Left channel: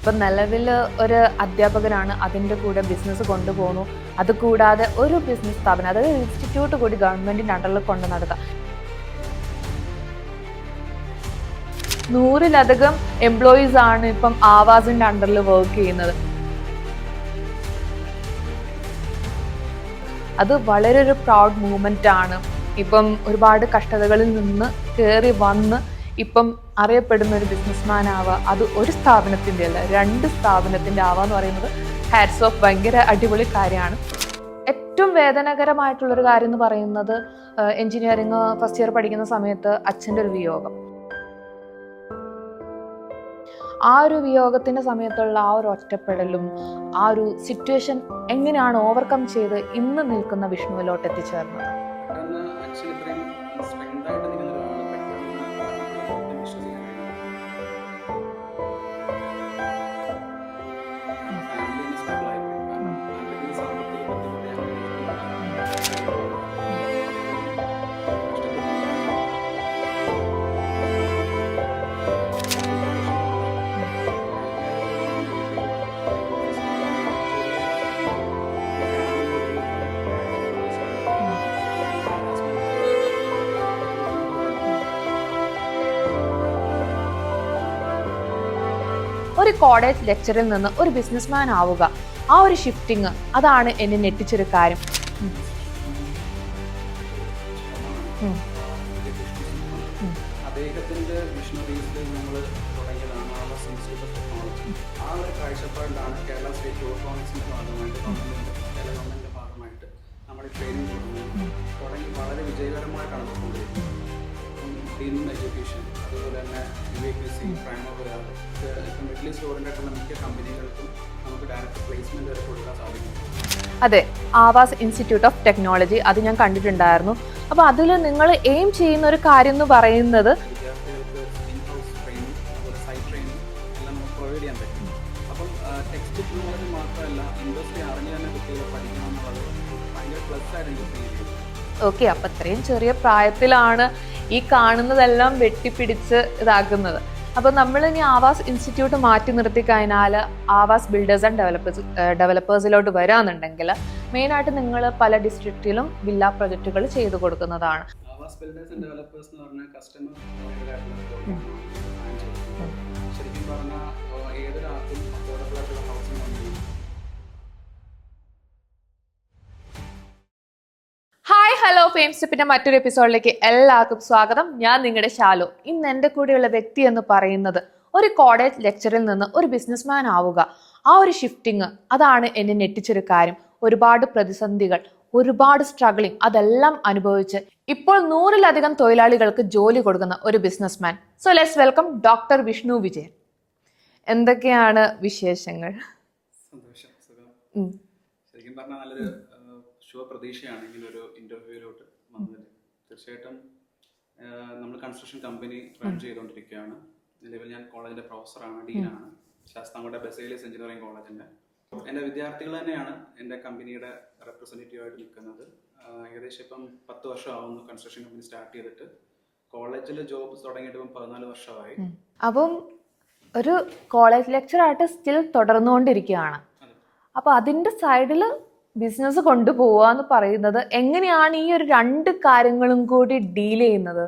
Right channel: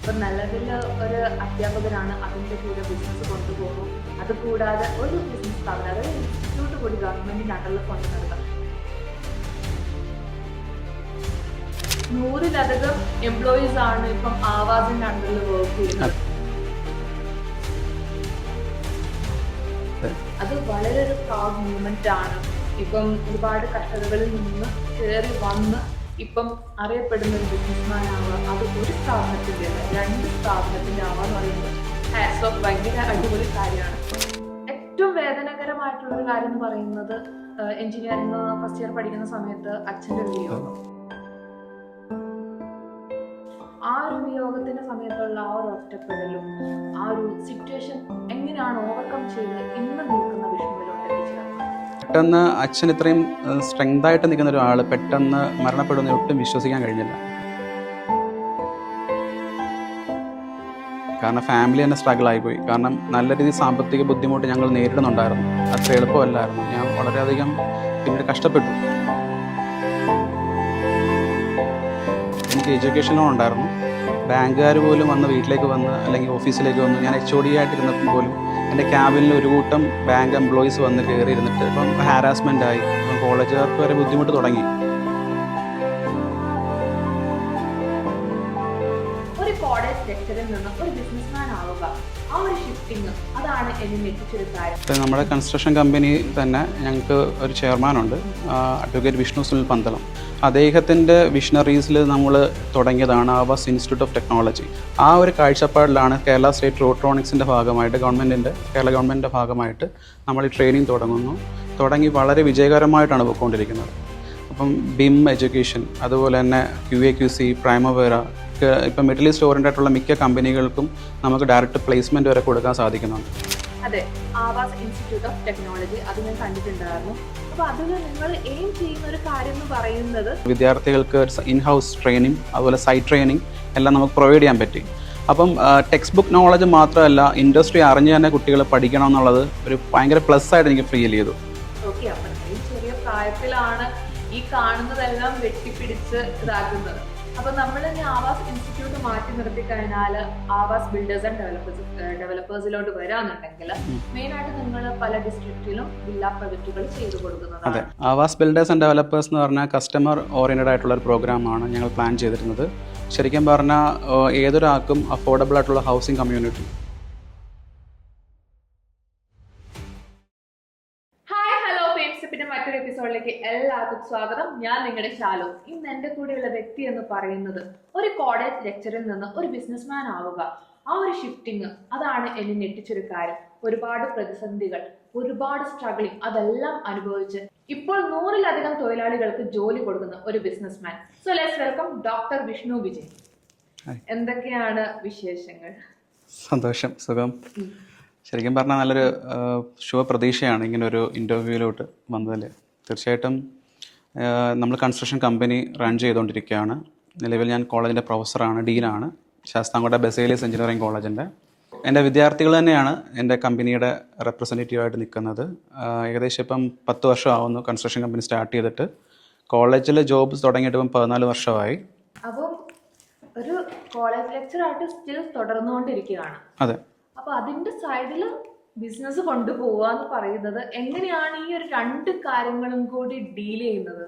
ഇപ്പം നിലവിൽ ഒരു അധ്യാപകനാണ്, അതിൻ്റെ കൂടെ ബിസിനസ് കൊണ്ടുപോകുന്നു. അതുകൂടാതെ ഒരു ബിസിനസ് സ്ഥാപനം, അതായത് ഇൻസ്റ്റിറ്റ്യൂട്ട് കൂടി ഗവൺമെൻറ്റിൻ്റെ അണ്ടറിൽ കൊണ്ട് നടത്താം. 100-ലധികം എംപ്ലോയീസ് ആണ് ഇപ്പം ആവാസിന്റെ അണ്ടറിൽ വർക്ക് ചെയ്യുന്നത്. അത് വളരെ ഒരു പ്രൗഡ് മൂവ്മെന്റ് ആണ്. ഇപ്പം ഒരുപാട് കഷ്ടതകളിൽ നിന്ന് കയറി വന്ന് ഇപ്പം അറിയപ്പെടുന്ന ഒരു ബിസിനസ്മാൻ ആവുക, അത് ഒരു സ്ഥാപനത്തിന്റെ അല്ല 2 സ്ഥാപനത്തിന്റെ ആവാന്ന് പറയുന്നത് ഹാറ്റ്സ് ഓഫ്, ഭയങ്കര അടിപൊളി കാര്യമാണ്. ഏറ്റവും വേദനകരമായിട്ടുള്ളൊരു കാര്യം എന്ന് പറയുന്നത് എഞ്ചിനീയറിംഗ് ഫസ്റ്റ് ഇയർ പഠിക്കുന്ന സമയത്ത് അച്ഛൻ്റെ ഒരു വിയോഗം. ആ ഒരു വിയോഗത്തിന്റെ സമയത്തുള്ള ആ ഒരു ഒറ്റപ്പെടലും ആ ഒരു സിറ്റുവേഷൻ എങ്ങനെയാണ് ഓവർകം ചെയ്ത് ഇന്ന് നിൽക്കുന്ന വിഷ്ണുവിലോട്ട് എത്തിച്ചേർന്നത്? പെട്ടെന്ന് അച്ഛൻ ഇത്രയും സ്ട്രെങ്ത് ആയിട്ട് നിൽക്കുന്ന ഒരാൾ പെട്ടെന്ന് മരണപ്പെടുന്ന ഒട്ടും വിശ്വസിക്കാൻ കഴിഞ്ഞില്ല. കാരണം ഫാമിലി തന്നെ സ്ട്രഗിൾ ആയിപ്പോയി. കാരണം നല്ല രീതിയിൽ സാമ്പത്തിക ബുദ്ധിമുട്ട് ഞങ്ങൾ നേരിടുന്നുണ്ടായിരുന്നു. അത്ര എളുപ്പമല്ലായിരുന്നു. ഞാൻ വളരെയധികം പിന്നീട് കഷ്ടപ്പെട്ടു. എനിക്ക് എഡ്യൂക്കേഷൻ ലോൺ ഉണ്ടായിരുന്നു. ബാങ്കുകാർ പോലും വന്ന് വീട്ടിലേക്ക് വന്ന് അല്ലെങ്കിൽ ഓഫീസിലേക്ക് വന്ന്, ഞാൻ HOD ആയിട്ടിരുന്നപ്പോൾ പോലും എൻ്റെ ക്യാബിനിൽ ഒരു കൂട്ടം ബാങ്ക് എംപ്ലോയീസ് വന്ന് കയറി ഇരുന്നിട്ട് ഇപ്പം ഹാരാസ്മെൻ്റ് ആയി. കോളേജുകാർക്ക് വരെ ബുദ്ധിമുട്ട് തുടങ്ങി. ഒരു കോളേജ് ലെക്ചറിൽ നിന്ന് ഒരു ബിസിനസ്മാൻ ആവുക, ആ ഒരു ഷിഫ്റ്റിങ്, അതാണ് എന്നെ ഞെട്ടിച്ചൊരു കാര്യം. നമ്മുടെ കൺസ്ട്രക്ഷൻ കമ്പനി തന്നെ ഞങ്ങൾക്ക് ഒരു ചെയർമാനുണ്ട്, അഡ്വക്കേറ്റ് വിഷ്ണു സുനിൽ പന്തളം. അദ്ദേഹത്തിൻ്റെ വിഷണറീസിൽ നമ്മൾ തുടങ്ങിയതാണ് ആവാസ് ഇൻസ്റ്റിറ്റ്യൂട്ട് ഓഫ് ടെക്നോളജി. ആ ഒരു കാഴ്ചപ്പാടിലാണ് കേരള സ്റ്റേറ്റ് റോട്രോണിക്സിൻ്റെ ഭാഗമായിട്ട് കേരള ഗവൺമെൻറ്റിൻ്റെ ഭാഗമായിട്ട് നമ്മൾ ഈ ട്രെയിനിങ് തുടങ്ങി വളരെ വിജയകരമായിട്ടാണ് പോയിക്കൊണ്ടിരിക്കുന്നത്. അപ്പം BIM എഡ്യൂക്കേഷൻ, അതുപോലെ തന്നെ QA/QC, പ്രൈമവേര, ഇപ്പം മിഡിൽ ഈസ്റ്റ് ഓറിയൻറ്റഡ് മിക്ക കമ്പനികൾക്കും നമുക്ക് ഡയറക്റ്റ് പ്ലേസ്മെൻറ്റ് വരെ കൊടുക്കാൻ സാധിക്കുന്നുണ്ട്. അതെ, ആവാസ് ഇൻസ്റ്റിറ്റ്യൂട്ട് ഓഫ് ടെക്നോളജി, അത് ഞാൻ കണ്ടിട്ടുണ്ടായിരുന്നു. അപ്പോൾ അതിൽ നിങ്ങൾ എയിം ചെയ്യുന്ന ഒരു കാര്യം എന്ന് പറയുന്നത് വിദ്യാർത്ഥികൾക്ക് ഇൻഹൗസ് ട്രെയിനിങ്, അതുപോലെ സൈറ്റ് ട്രെയിനിങ് എല്ലാം നമുക്ക് പ്രൊവൈഡ് ചെയ്യാൻ പറ്റി. അപ്പം ടെക്സ്റ്റ് ബുക്ക് നോളജ് മാത്രമല്ല, ഇൻഡസ്ട്രി അറിഞ്ഞ് തന്നെ കുട്ടികൾ പഠിക്കണം എന്നുള്ളത് ഒരു ഭയങ്കര പ്ലസ് ആയിട്ട് എനിക്ക് ഫീൽ ചെയ്തു. ഓക്കെ, അപ്പം അത്രയും ചെറിയ പ്രായത്തിലാണ് ഈ കാണുന്നതെല്ലാം വെട്ടിപ്പിടിച്ച് ഇതാക്കുന്നത്. അപ്പോൾ നമ്മൾ ഇനി ആവാസ് ഇൻസ്റ്റിറ്റ്യൂട്ട് മാറ്റി നിർത്തി കഴിഞ്ഞാൽ ആവാസ് ബിൽഡേഴ്സ് ആൻഡ് ഡെവലപ്പേഴ്സിലോട്ട് വരാന്നുണ്ടെങ്കിൽ മെയിനായിട്ട് നിങ്ങൾ പല ഡിസ്ട്രിക്റ്റിലും വില്ല പ്രൊജക്റ്റുകൾ ചെയ്തു കൊടുക്കുന്നതാണ്. ആവാസ് ബിൽഡേഴ്സ് ആൻഡ് ഡെവലപ്പേഴ്സ് എന്ന് പറഞ്ഞാൽ കസ്റ്റമർ ഓറിയൻറ്റഡ് ആയിട്ടുള്ള ഒരു പ്രോഗ്രാമാണ് ഞങ്ങൾ പ്ലാൻ ചെയ്തിരുന്നത്. ശരിക്കും പറഞ്ഞാൽ ഏതൊരാൾക്കും അഫോർഡബിൾ ആയിട്ടുള്ള ഹൗസിംഗ് കമ്മ്യൂണിറ്റി. ഹലോ ഫെയിംസ്റ്റെപ്പിന്റെ മറ്റൊരു എപ്പിസോഡിലേക്ക് എല്ലാവർക്കും സ്വാഗതം. ഞാൻ നിങ്ങളുടെ ശാലു. ഇന്ന് എൻ്റെ കൂടെയുള്ള വ്യക്തി എന്ന് പറയുന്നത് ഒരു കോളേജ് ലെക്ചറിൽ നിന്ന് ഒരു ബിസിനസ്മാൻ ആവുക, ആ ഒരു ഷിഫ്റ്റിങ്, അതാണ് എന്നെ ഞെട്ടിച്ചൊരു കാര്യം. ഒരുപാട് പ്രതിസന്ധികൾ, ഒരുപാട് സ്ട്രഗിളിങ്, അതെല്ലാം അനുഭവിച്ച് ഇപ്പോൾ 100-ലധികം തൊഴിലാളികൾക്ക് ജോലി കൊടുക്കുന്ന ഒരു businessman. So let's welcome doctor Vishnu Vijayan. എന്തൊക്കെയാണ് വിശേഷങ്ങൾ? സന്തോഷം, സുഖം. ശരിക്കും പറഞ്ഞാൽ നല്ലൊരു ശുഭപ്രതീക്ഷയാണ് ഇങ്ങനെ ഒരു ഇൻ്റർവ്യൂവിലോട്ട് വന്നതിൽ. തീർച്ചയായിട്ടും നമ്മൾ കൺസ്ട്രക്ഷൻ കമ്പനി റൺ ചെയ്തുകൊണ്ടിരിക്കുകയാണ്. നിലവിൽ ഞാൻ കോളേജിൻ്റെ പ്രൊഫസറാണ്, ഡീനാണ്, ശാസ്താംകോട്ട ബസേലിയസ് എഞ്ചിനീയറിംഗ് കോളേജിൻ്റെ. എൻ്റെ വിദ്യാർത്ഥികൾ തന്നെയാണ് എൻ്റെ കമ്പനിയുടെ റെപ്രസെൻറ്റേറ്റീവായിട്ട് നിൽക്കുന്നത്. ഏകദേശം ഇപ്പം 10 വർഷമാവുന്നു കൺസ്ട്രക്ഷൻ കമ്പനി സ്റ്റാർട്ട് ചെയ്തിട്ട്. കോളേജിൽ ജോബ് തുടങ്ങിയിട്ട് ഇപ്പം 14 വർഷമായി. അപ്പം ഒരു കോളേജ് ലെക്ചറായിട്ട് സ്റ്റിൽ തുടർന്നുകൊണ്ടിരിക്കുകയാണ്. അതെ. അപ്പോൾ അതിൻ്റെ സൈഡിൽ ബിസിനസ് കൊണ്ടുപോവാന്ന് പറയുന്നത് എങ്ങനെയാണ് ഈ ഒരു 2 കാര്യങ്ങളും കൂടി ഡീൽ ചെയ്യുന്നത്?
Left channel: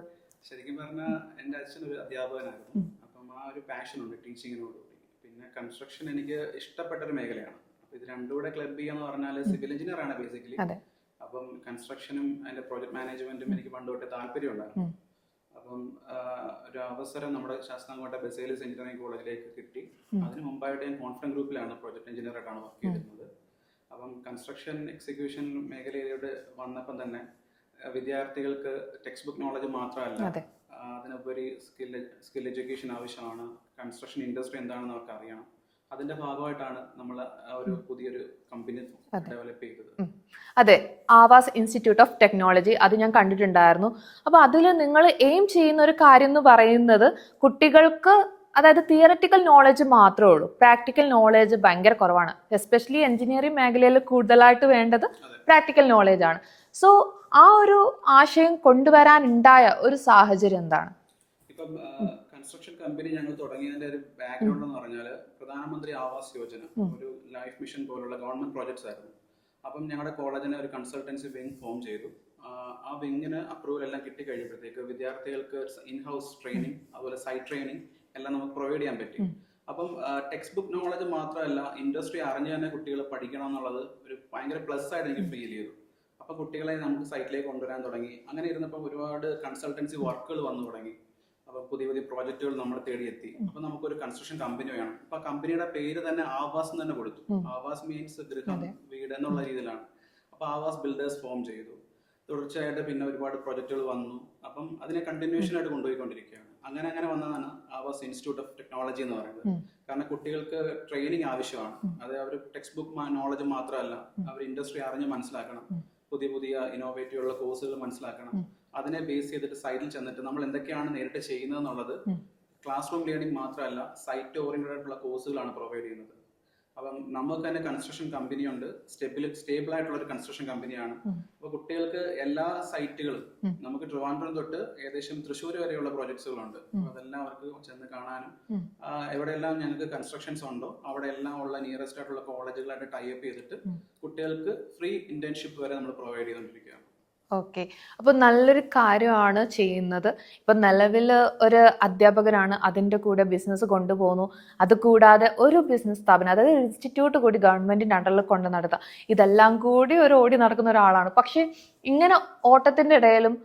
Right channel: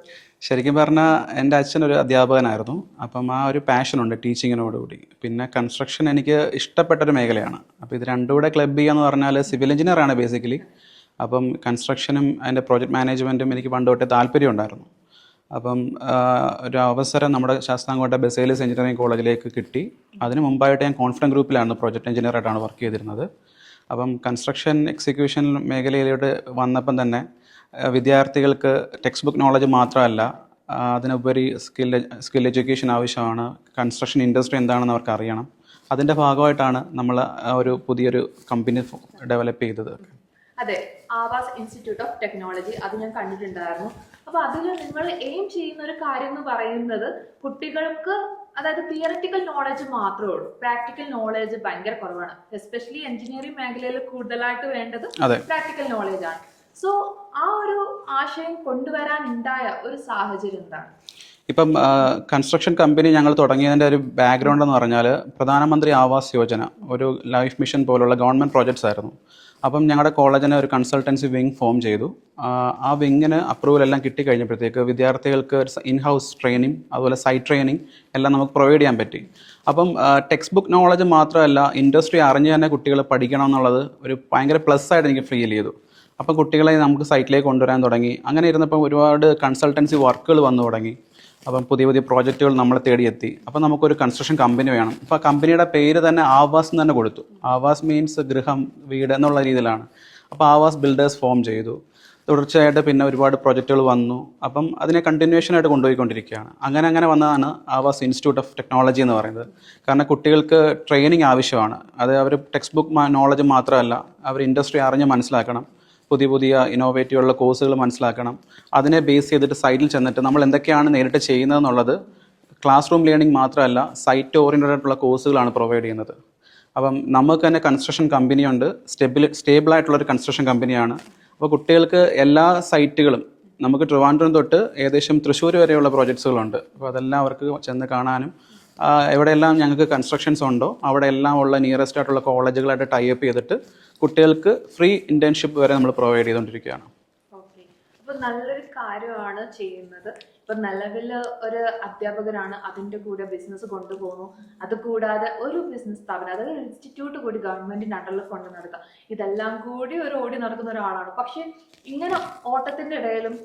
ശരിക്കും പറഞ്ഞാൽ എൻ്റെ അച്ഛൻ ഒരു അധ്യാപകനായിരുന്നു. അപ്പം ആ ഒരു പാഷനുണ്ട് ടീച്ചിങ്ങിനോടുകൂടി. പിന്നെ കൺസ്ട്രക്ഷൻ എനിക്ക് ഇഷ്ടപ്പെട്ടൊരു മേഖലയാണ്. അപ്പോൾ ഇത് രണ്ടും കൂടെ ക്ലബ് ചെയ്യാന്ന് പറഞ്ഞാൽ സിവിൽ എഞ്ചിനീയറാണ് ബേസിക്കലി. അപ്പം കൺസ്ട്രക്ഷനും അതിൻ്റെ പ്രോജക്റ്റ് മാനേജ്മെൻറ്റും എനിക്ക് പണ്ട് തൊട്ടേ താല്പര്യം ഉണ്ടായിരുന്നു. അപ്പം ഒരു അവസരം നമ്മുടെ ശാസ്താംകോട്ട ബസേലിയസ് എഞ്ചിനീയറിംഗ് കോളേജിലേക്ക് കിട്ടി. അതിന് മുമ്പായിട്ട് ഞാൻ കോൺഫിഡൻറ്റ് ഗ്രൂപ്പിലാണ് പ്രോജക്റ്റ് എഞ്ചിനീയറായിട്ടാണ് വർക്ക് ചെയ്തിരുന്നത്. അപ്പം കൺസ്ട്രക്ഷൻ എക്സിക്യൂഷൻ മേഖലയിലോട്ട് വന്നപ്പം തന്നെ വിദ്യാർത്ഥികൾക്ക് ടെക്സ്റ്റ് ബുക്ക് നോളജ് മാത്രമല്ല, അതിനുപരി സ്കിൽ എഡ്യൂക്കേഷൻ ആവശ്യമാണ്. കൺസ്ട്രക്ഷൻ ഇൻഡസ്ട്രി എന്താണെന്ന് അവർക്ക് അറിയണം. അതിൻ്റെ ഭാഗമായിട്ടാണ് നമ്മൾ ഒരു പുതിയൊരു കമ്പനി ഡെവലപ്പ് ചെയ്തത്. അതെ, ആവാസ് ഇൻസ്റ്റിറ്റ്യൂട്ട് ഓഫ് ടെക്നോളജി, അത് ഞാൻ കണ്ടിട്ടുണ്ടായിരുന്നു. അപ്പോൾ അതിൽ നിങ്ങൾ എയിം ചെയ്യുന്ന ഒരു കാര്യം എന്ന് പറയുന്നത് കുട്ടികൾക്ക്, അതായത് തിയററ്റിക്കൽ നോളജ് മാത്രമേ ഉള്ളൂ, പ്രാക്ടിക്കൽ നോളജ് ഭയങ്കര കുറവാണ്. എസ്പെഷ്യലി എഞ്ചിനീയറിംഗ് മേഖലയിൽ കൂടുതലായിട്ട് വേണ്ടത് പ്രാക്ടിക്കൽ നോളജ് ആണ്. സോ ആ ഒരു ആശയം കൊണ്ടുവരാനുണ്ടായ ഒരു സാഹചര്യം എന്താണ്? ഇപ്പം കൺസ്ട്രക്ഷൻ കമ്പനി ഞങ്ങൾ തുടങ്ങിയതിൻ്റെ ഒരു ബാക്ക്ഗ്രൗണ്ട് എന്ന് പറഞ്ഞാൽ പ്രധാനമന്ത്രി ആവാസ് യോജന ഒരു ലൈഫ് മിഷൻ പോലുള്ള ഗവൺമെൻറ് പ്രോജക്ട്സ് ആയിരുന്നു. അപ്പം ഞങ്ങളുടെ കോളേജിന് ഒരു കൺസൾട്ടൻസി വിങ് ഫോം ചെയ്തു. ആ വിങ്ങിന് അപ്രൂവൽ എല്ലാം കിട്ടിക്കഴിഞ്ഞപ്പോഴത്തേക്ക് വിദ്യാർത്ഥികൾക്ക് ഇൻ ഹൗസ് ട്രെയിനിങ് അതുപോലെ സൈറ്റ് ട്രെയിനിങ് എല്ലാം നമുക്ക് പ്രൊവൈഡ് ചെയ്യാൻ പറ്റി. അപ്പം ടെക്സ്റ്റ് ബുക്ക് നോളജ് മാത്രമല്ല, ഇൻഡസ്ട്രി അറിഞ്ഞ് തന്നെ കുട്ടികൾ പഠിക്കണം എന്നുള്ളത് ഒരു ഭയങ്കര പ്ലസ് ആയിട്ട് എനിക്ക് ഫീൽ ചെയ്തു. അപ്പം കുട്ടികളെ നമുക്ക് സൈറ്റിലേക്ക് കൊണ്ടുവരാൻ തുടങ്ങി. അങ്ങനെ ഇരുന്നപ്പം ഒരുപാട് കൺസൾട്ടൻസി വർക്കുകൾ വന്നു തുടങ്ങി. അപ്പം പുതിയ പുതിയ പ്രോജക്റ്റുകൾ നമ്മളെ തേടിയെത്തി. അപ്പം നമുക്കൊരു കൺസ്ട്രക്ഷൻ കമ്പനി വേണം. അപ്പോൾ ആ കമ്പനിയുടെ പേര് തന്നെ ആവാസ് എന്ന് തന്നെ കൊടുത്തു. ആവാസ് മീൻസ് ഗൃഹം, വീട് എന്നുള്ള രീതിയിലാണ്. അപ്പോൾ ആവാസ് ബിൽഡേഴ്സ് ഫോം ചെയ്തു. തുടർച്ചയായിട്ട് പിന്നെ ഒരുപാട് പ്രോജക്റ്റുകൾ വന്നു. അപ്പം അതിനെ കണ്ടിന്യൂഷൻ ആയിട്ട് കൊണ്ടുപോയിക്കൊണ്ടിരിക്കുകയാണ്. അങ്ങനെ വന്നതാണ് ആവാസ് ഇൻസ്റ്റിറ്റ്യൂട്ട് ഓഫ് ടെക്നോളജി എന്ന് പറയുന്നത്. കാരണം കുട്ടികൾക്ക് ട്രെയിനിങ് ആവശ്യമാണ്. അത് അവർ ടെക്സ്റ്റ് ബുക്ക് നോളജ് മാത്രമല്ല, അവർ ഇൻഡസ്ട്രി അറിഞ്ഞ് മനസ്സിലാക്കണം, പുതിയ പുതിയ ഇന്നോവേറ്റീവ് ഉള്ള കോഴ്സുകൾ മനസ്സിലാക്കണം. അതിനെ ബേസ് ചെയ്തിട്ട് സൈറ്റിൽ ചെന്നിട്ട് നമ്മൾ എന്തൊക്കെയാണ് നേരിട്ട് ചെയ്യുന്നതെന്നുള്ളത് ക്ലാസ് റൂം ലേണിംഗ് മാത്രമല്ല, സൈറ്റ് ഓറിയൻറ്റഡ് ആയിട്ടുള്ള കോഴ്സുകളാണ് പ്രൊവൈഡ് ചെയ്യുന്നത്. അപ്പം നമുക്ക് തന്നെ കൺസ്ട്രക്ഷൻ കമ്പനിയുണ്ട്, സ്റ്റേബിൾ ആയിട്ടുള്ളൊരു കൺസ്ട്രക്ഷൻ കമ്പനിയാണ്. അപ്പോൾ കുട്ടികൾക്ക് എല്ലാ സൈറ്റുകളും നമുക്ക് ട്രിവാൻഡ്രം തൊട്ട് ഏകദേശം തൃശ്ശൂർ വരെയുള്ള പ്രോജക്ട്സുകളുണ്ട്. അപ്പോൾ അതെല്ലാം അവർക്ക് ചെന്ന് കാണാനും എവിടെയെല്ലാം ഞങ്ങൾക്ക് കൺസ്ട്രക്ഷൻസ് ഉണ്ടോ അവിടെ എല്ലാം ഉള്ള നിയറസ്റ്റ് ആയിട്ടുള്ള കോളേജുകളായിട്ട് ടൈപ്പ് ചെയ്തിട്ട് കുട്ടികൾക്ക് ഫ്രീ ഇന്റേൺഷിപ്പ് വരെ നമ്മൾ പ്രൊവൈഡ് ചെയ്തുകൊണ്ടിരിക്കുകയാണ്. ഓക്കെ, അപ്പൊ നല്ലൊരു കാര്യമാണ് ചെയ്യുന്നത്. ഇപ്പൊ നിലവിൽ ഒരു അധ്യാപകനാണ്, അതിൻ്റെ കൂടെ ബിസിനസ് കൊണ്ടുപോകുന്നു. അതുകൂടാതെ ഒരു ബിസിനസ് സ്ഥാപനം, അതായത് ഇൻസ്റ്റിറ്റ്യൂട്ട് കൂടി ഗവൺമെന്റിന്റെ അണ്ടറിൽ കൊണ്ട് നടത്താം. ഇതെല്ലാം കൂടി ഒരു ഓടി നടക്കുന്ന ഒരാളാണ്. പക്ഷെ ഇങ്ങനെ ഓട്ടത്തിന്റെ ഇടയിലും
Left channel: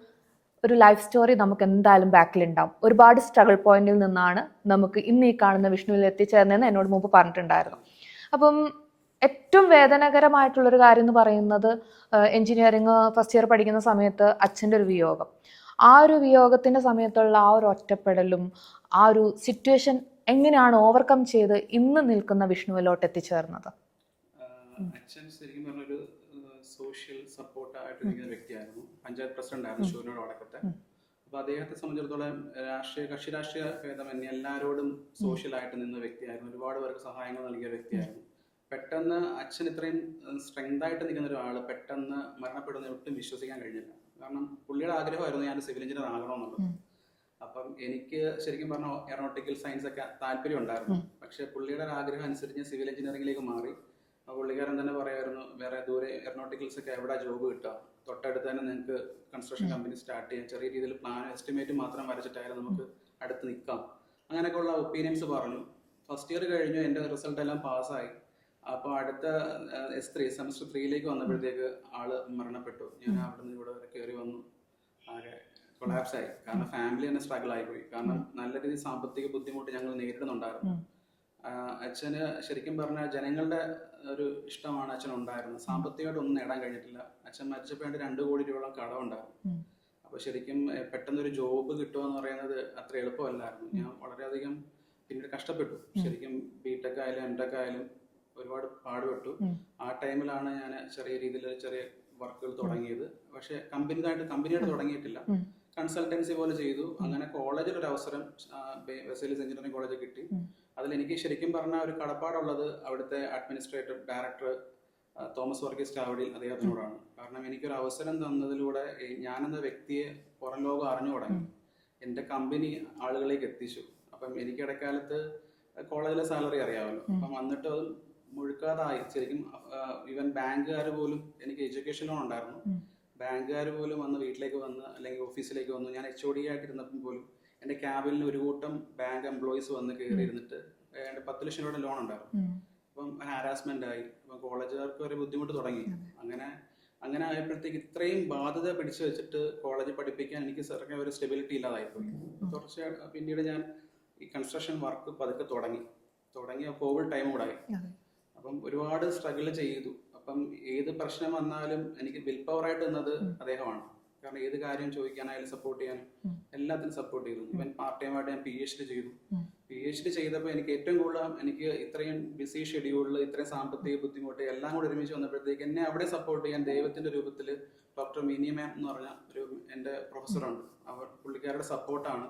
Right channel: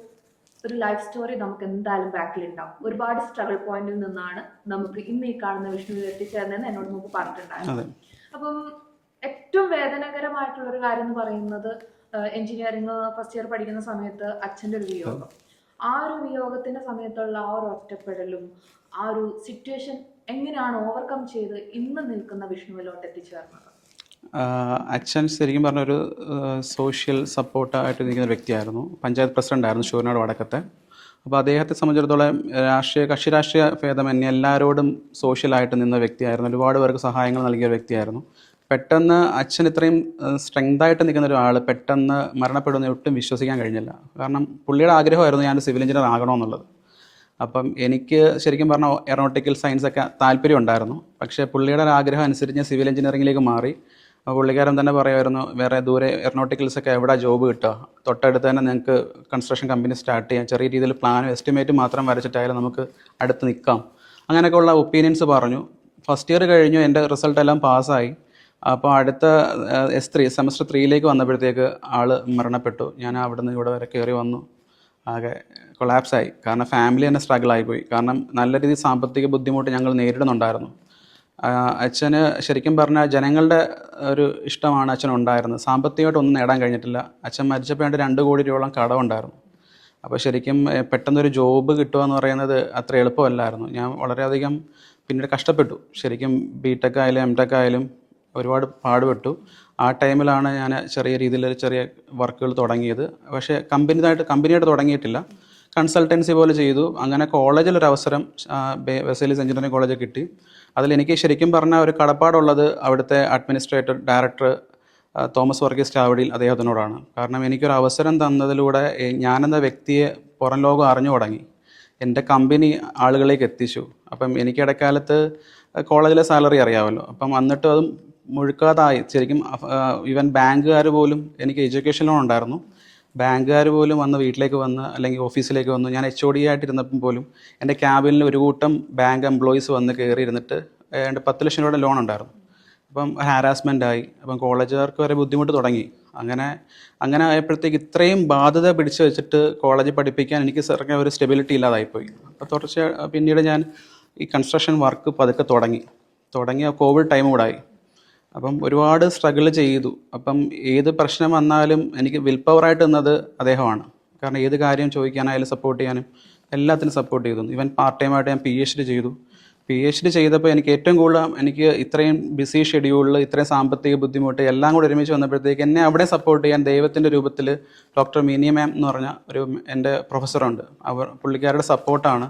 ഒരു ലൈഫ് സ്റ്റോറി നമുക്ക് എന്തായാലും ബാക്കിലുണ്ടാവും. ഒരുപാട് സ്ട്രഗിൾ പോയിന്റിൽ നിന്നാണ് നമുക്ക് ഇന്ന് ഈ കാണുന്ന വിഷ്ണുവിൽ എത്തിച്ചേർന്നതെന്ന് എന്നോട് മുമ്പ് പറഞ്ഞിട്ടുണ്ടായിരുന്നു. അപ്പം ഏറ്റവും വേദനകരമായിട്ടുള്ളൊരു കാര്യം എന്ന് പറയുന്നത് എഞ്ചിനീയറിംഗ് ഫസ്റ്റ് ഇയർ പഠിക്കുന്ന സമയത്ത് അച്ഛൻ്റെ ഒരു വിയോഗം. ആ ഒരു വിയോഗത്തിൻ്റെ സമയത്തുള്ള ആ ഒരു ഒറ്റപ്പെടലും ആ ഒരു സിറ്റുവേഷൻ എങ്ങനെയാണ് ഓവർകം ചെയ്ത് ഇന്ന് നിൽക്കുന്ന വിഷ്ണുവിലോട്ട് എത്തിച്ചേർന്നത്? അച്ഛൻ ശരിക്കും പറഞ്ഞൊരു സോഷ്യൽ സപ്പോർട്ടായിട്ട് നിൽക്കുന്ന വ്യക്തിയായിരുന്നു. പഞ്ചായത്ത് പ്രസിഡന്റ് ആയിരുന്നു ശൂരനാട് വടക്കത്തെ. അപ്പോൾ അദ്ദേഹത്തെ സംബന്ധിച്ചിടത്തോളം കക്ഷി രാഷ്ട്രീയ ഭേദമന്യേ എല്ലാവരോടും സോഷ്യലായിട്ട് നിന്ന വ്യക്തിയായിരുന്നു. ഒരുപാട് പേർക്ക് സഹായങ്ങൾ നൽകിയ വ്യക്തിയായിരുന്നു. പെട്ടെന്ന് അച്ഛൻ ഇത്രയും സ്ട്രെങ്തായിട്ട് നിൽക്കുന്ന ഒരാൾ പെട്ടെന്ന് മരണപ്പെടുന്ന ഒട്ടും വിശ്വസിക്കാൻ കഴിഞ്ഞില്ല. കാരണം പുള്ളിയുടെ ആഗ്രഹമായിരുന്നു ഞാൻ സിവിൽ എഞ്ചിനീയർ ആകണമെന്നുള്ളത്. അപ്പം എനിക്ക് ശരിക്കും പറഞ്ഞാൽ എയറോനോട്ടിക്കൽ സയൻസ് ഒക്കെ താല്പര്യം ഉണ്ടായിരുന്നു. പക്ഷേ പുള്ളിയുടെ ഒരു ആഗ്രഹം അനുസരിച്ച് ഞാൻ സിവിൽ എഞ്ചിനീയറിംഗിലേക്ക് മാറി. പുള്ളിക്കാരൻ തന്നെ പറയുമായിരുന്നു, വേറെ ദൂരെ എയറോനോട്ടിക്കൽസൊക്കെ എവിടെ ജോബ് കിട്ടുക, തൊട്ടടുത്ത് തന്നെ നിങ്ങൾക്ക് കൺസ്ട്രക്ഷൻ കമ്പനി സ്റ്റാർട്ട് ചെയ്യാം, ചെറിയ രീതിയിൽ പ്ലാനും എസ്റ്റിമേറ്റും മാത്രം വരച്ചിട്ടായാലും നമുക്ക് അടുത്ത് നിൽക്കാം, അങ്ങനെയൊക്കെയുള്ള ഒപ്പീനിയൻസ് പറഞ്ഞു. ഫസ്റ്റ് ഇയർ കഴിഞ്ഞു, എൻ്റെ റിസൾട്ട് എല്ലാം പാസ്സായി. അപ്പോൾ അടുത്ത S3 സെമസ്റ്റർ 3ലേക്ക് വന്നപ്പോഴത്തേക്ക് ആൾ മരണപ്പെട്ടു. ഞാൻ അവിടെ നിന്ന് ഇവിടെ വരെ കയറി വന്നു, ആകെ കൊളാപ്സായി. കാരണം ഫാമിലി തന്നെ സ്ട്രഗിൾ ആയിപ്പോയി. കാരണം നല്ല രീതിയിൽ സാമ്പത്തിക ബുദ്ധിമുട്ട് ഞങ്ങൾ നേരിടുന്നുണ്ടായിരുന്നു. അച്ഛന് ശരിക്കും പറഞ്ഞാൽ ജനങ്ങളുടെ ഒരു ഇഷ്ടമാണ് അച്ഛനുണ്ടായിരുന്നത്. സാമ്പത്തികമായിട്ട് ഒന്നും നേടാൻ കഴിഞ്ഞിട്ടില്ല. അച്ഛൻ മരിച്ചപ്പോൾ 2 കോടി രൂപയോളം കടമുണ്ടായിരുന്നു. അപ്പോൾ ശരിക്കും പെട്ടെന്നൊരു ജോബ് കിട്ടുക എന്ന് പറയുന്നത് അത്ര എളുപ്പമല്ലായിരുന്നു. ഞാൻ വളരെയധികം പിന്നീട് കഷ്ടപ്പെട്ടു. ശരിക്കും BTech ആയാലും MTech ആയാലും ഒരുപാട് പാടുപെട്ടു. ആ ടൈമിലാണ് ഞാൻ ചെറിയ രീതിയിൽ ചെറിയ വർക്കുകൾ തുടങ്ങിയത്. പക്ഷേ കമ്പനിയായിട്ട് തുടങ്ങിയിട്ടില്ല, കൺസൾട്ടൻസി പോലെ ചെയ്തു. അങ്ങനെ കോളേജിലൊരു അവസരം വെസേലിസ് എഞ്ചിനീയറിംഗ് കോളേജ് കിട്ടി. അതിലെനിക്ക് ശരിക്കും പറഞ്ഞാൽ ഒരു കടപ്പാടുള്ളത് അവിടുത്തെ അഡ്മിനിസ്ട്രേറ്റർ ഡയറക്ടർ തോമസ് വർഗീസ് ചാവടിയിൽ അദ്ദേഹത്തിനോടാണ്. കാരണം എനിക്കൊരു അവസരം തന്നതിലൂടെ ഞാനെന്ന വ്യക്തിയെ പുറം ലോകം അറിഞ്ഞു തുടങ്ങി, എൻ്റെ കമ്പനി ആളുകളിലേക്ക് എത്തിച്ചു. അപ്പം എനിക്ക് ഇടക്കാലത്ത് കോളേജിലെ സാലറി അറിയാമല്ലോ. അപ്പം വന്നിട്ട് അതും മുഴുക്കാതായി. ശരിക്കും ഈവൻ ബാങ്കുകാർ പോലും, എനിക്ക് എഡ്യൂക്കേഷൻ ലോൺ ഉണ്ടായിരുന്നു, ബാങ്കുകാർ പോലും വന്ന് വീട്ടിലേക്ക് വന്ന് അല്ലെങ്കിൽ ഓഫീസിലേക്ക് വന്നു. ഞാൻ HOD ആയിട്ടിരുന്നപ്പം പോലും എൻ്റെ ക്യാബിനിൽ ഒരു കൂട്ടം ബാങ്ക് എംപ്ലോയീസ് വന്ന് കയറി ഇരുന്നിട്ട് 10 ലക്ഷം രൂപയുടെ ലോൺ ഉണ്ടായിരുന്നു. അപ്പം ഹാരാസ്മെൻ്റ് ആയി. അപ്പം കോളേജുകാർക്ക് വരെ ബുദ്ധിമുട്ട് തുടങ്ങി. അങ്ങനെ ആയപ്പോഴത്തേക്ക് ഇത്രയും ബാധ്യത പിടിച്ചു വെച്ചിട്ട് കോളേജിൽ പഠിപ്പിക്കാൻ എനിക്ക് സർക്കാർ ഒരു സ്റ്റെബിലിറ്റി ഇല്ലാതായിപ്പോയി. അപ്പോൾ പിന്നീട് ഞാൻ ഈ കൺസ്ട്രക്ഷൻ വർക്ക് പതുക്കെ തുടങ്ങിയ കോവിഡ് ടൈം കൂടെ ആയി. അപ്പം ഒരുപാട് സ്ട്രഗിൾ ചെയ്തു. അപ്പം ഏത് പ്രശ്നം വന്നാലും എനിക്ക് വിൽ പവറായിട്ട് നിന്നത് അദ്ദേഹമാണ്. കാരണം ഏത് കാര്യം ചോദിക്കാനായാലും സപ്പോർട്ട് ചെയ്യാനും എല്ലാത്തിനും സപ്പോർട്ട് ചെയ്തു. ഈവൻ പാർട്ട് ടൈമായിട്ട് ഞാൻ PhD ചെയ്തു. PhD ചെയ്തപ്പോൾ എനിക്ക് ഏറ്റവും കൂടുതൽ എനിക്ക് ഇത്രയും ബിസി ഷെഡ്യൂളിൽ ഇത്രയും സാമ്പത്തിക ബുദ്ധിമുട്ട് എല്ലാം കൂടെ ഒരുമിച്ച് വന്നപ്പോഴത്തേക്ക് എന്നെ അവിടെ സപ്പോർട്ട് ചെയ്യാൻ ദൈവത്തിൻ്റെ രൂപത്തിൽ ഡോക്ടർ മിനി മാം എന്ന് പറഞ്ഞ ഒരു എൻ്റെ പ്രൊഫസറുണ്ട്. പുള്ളിക്കാരുടെ സപ്പോർട്ടാണ്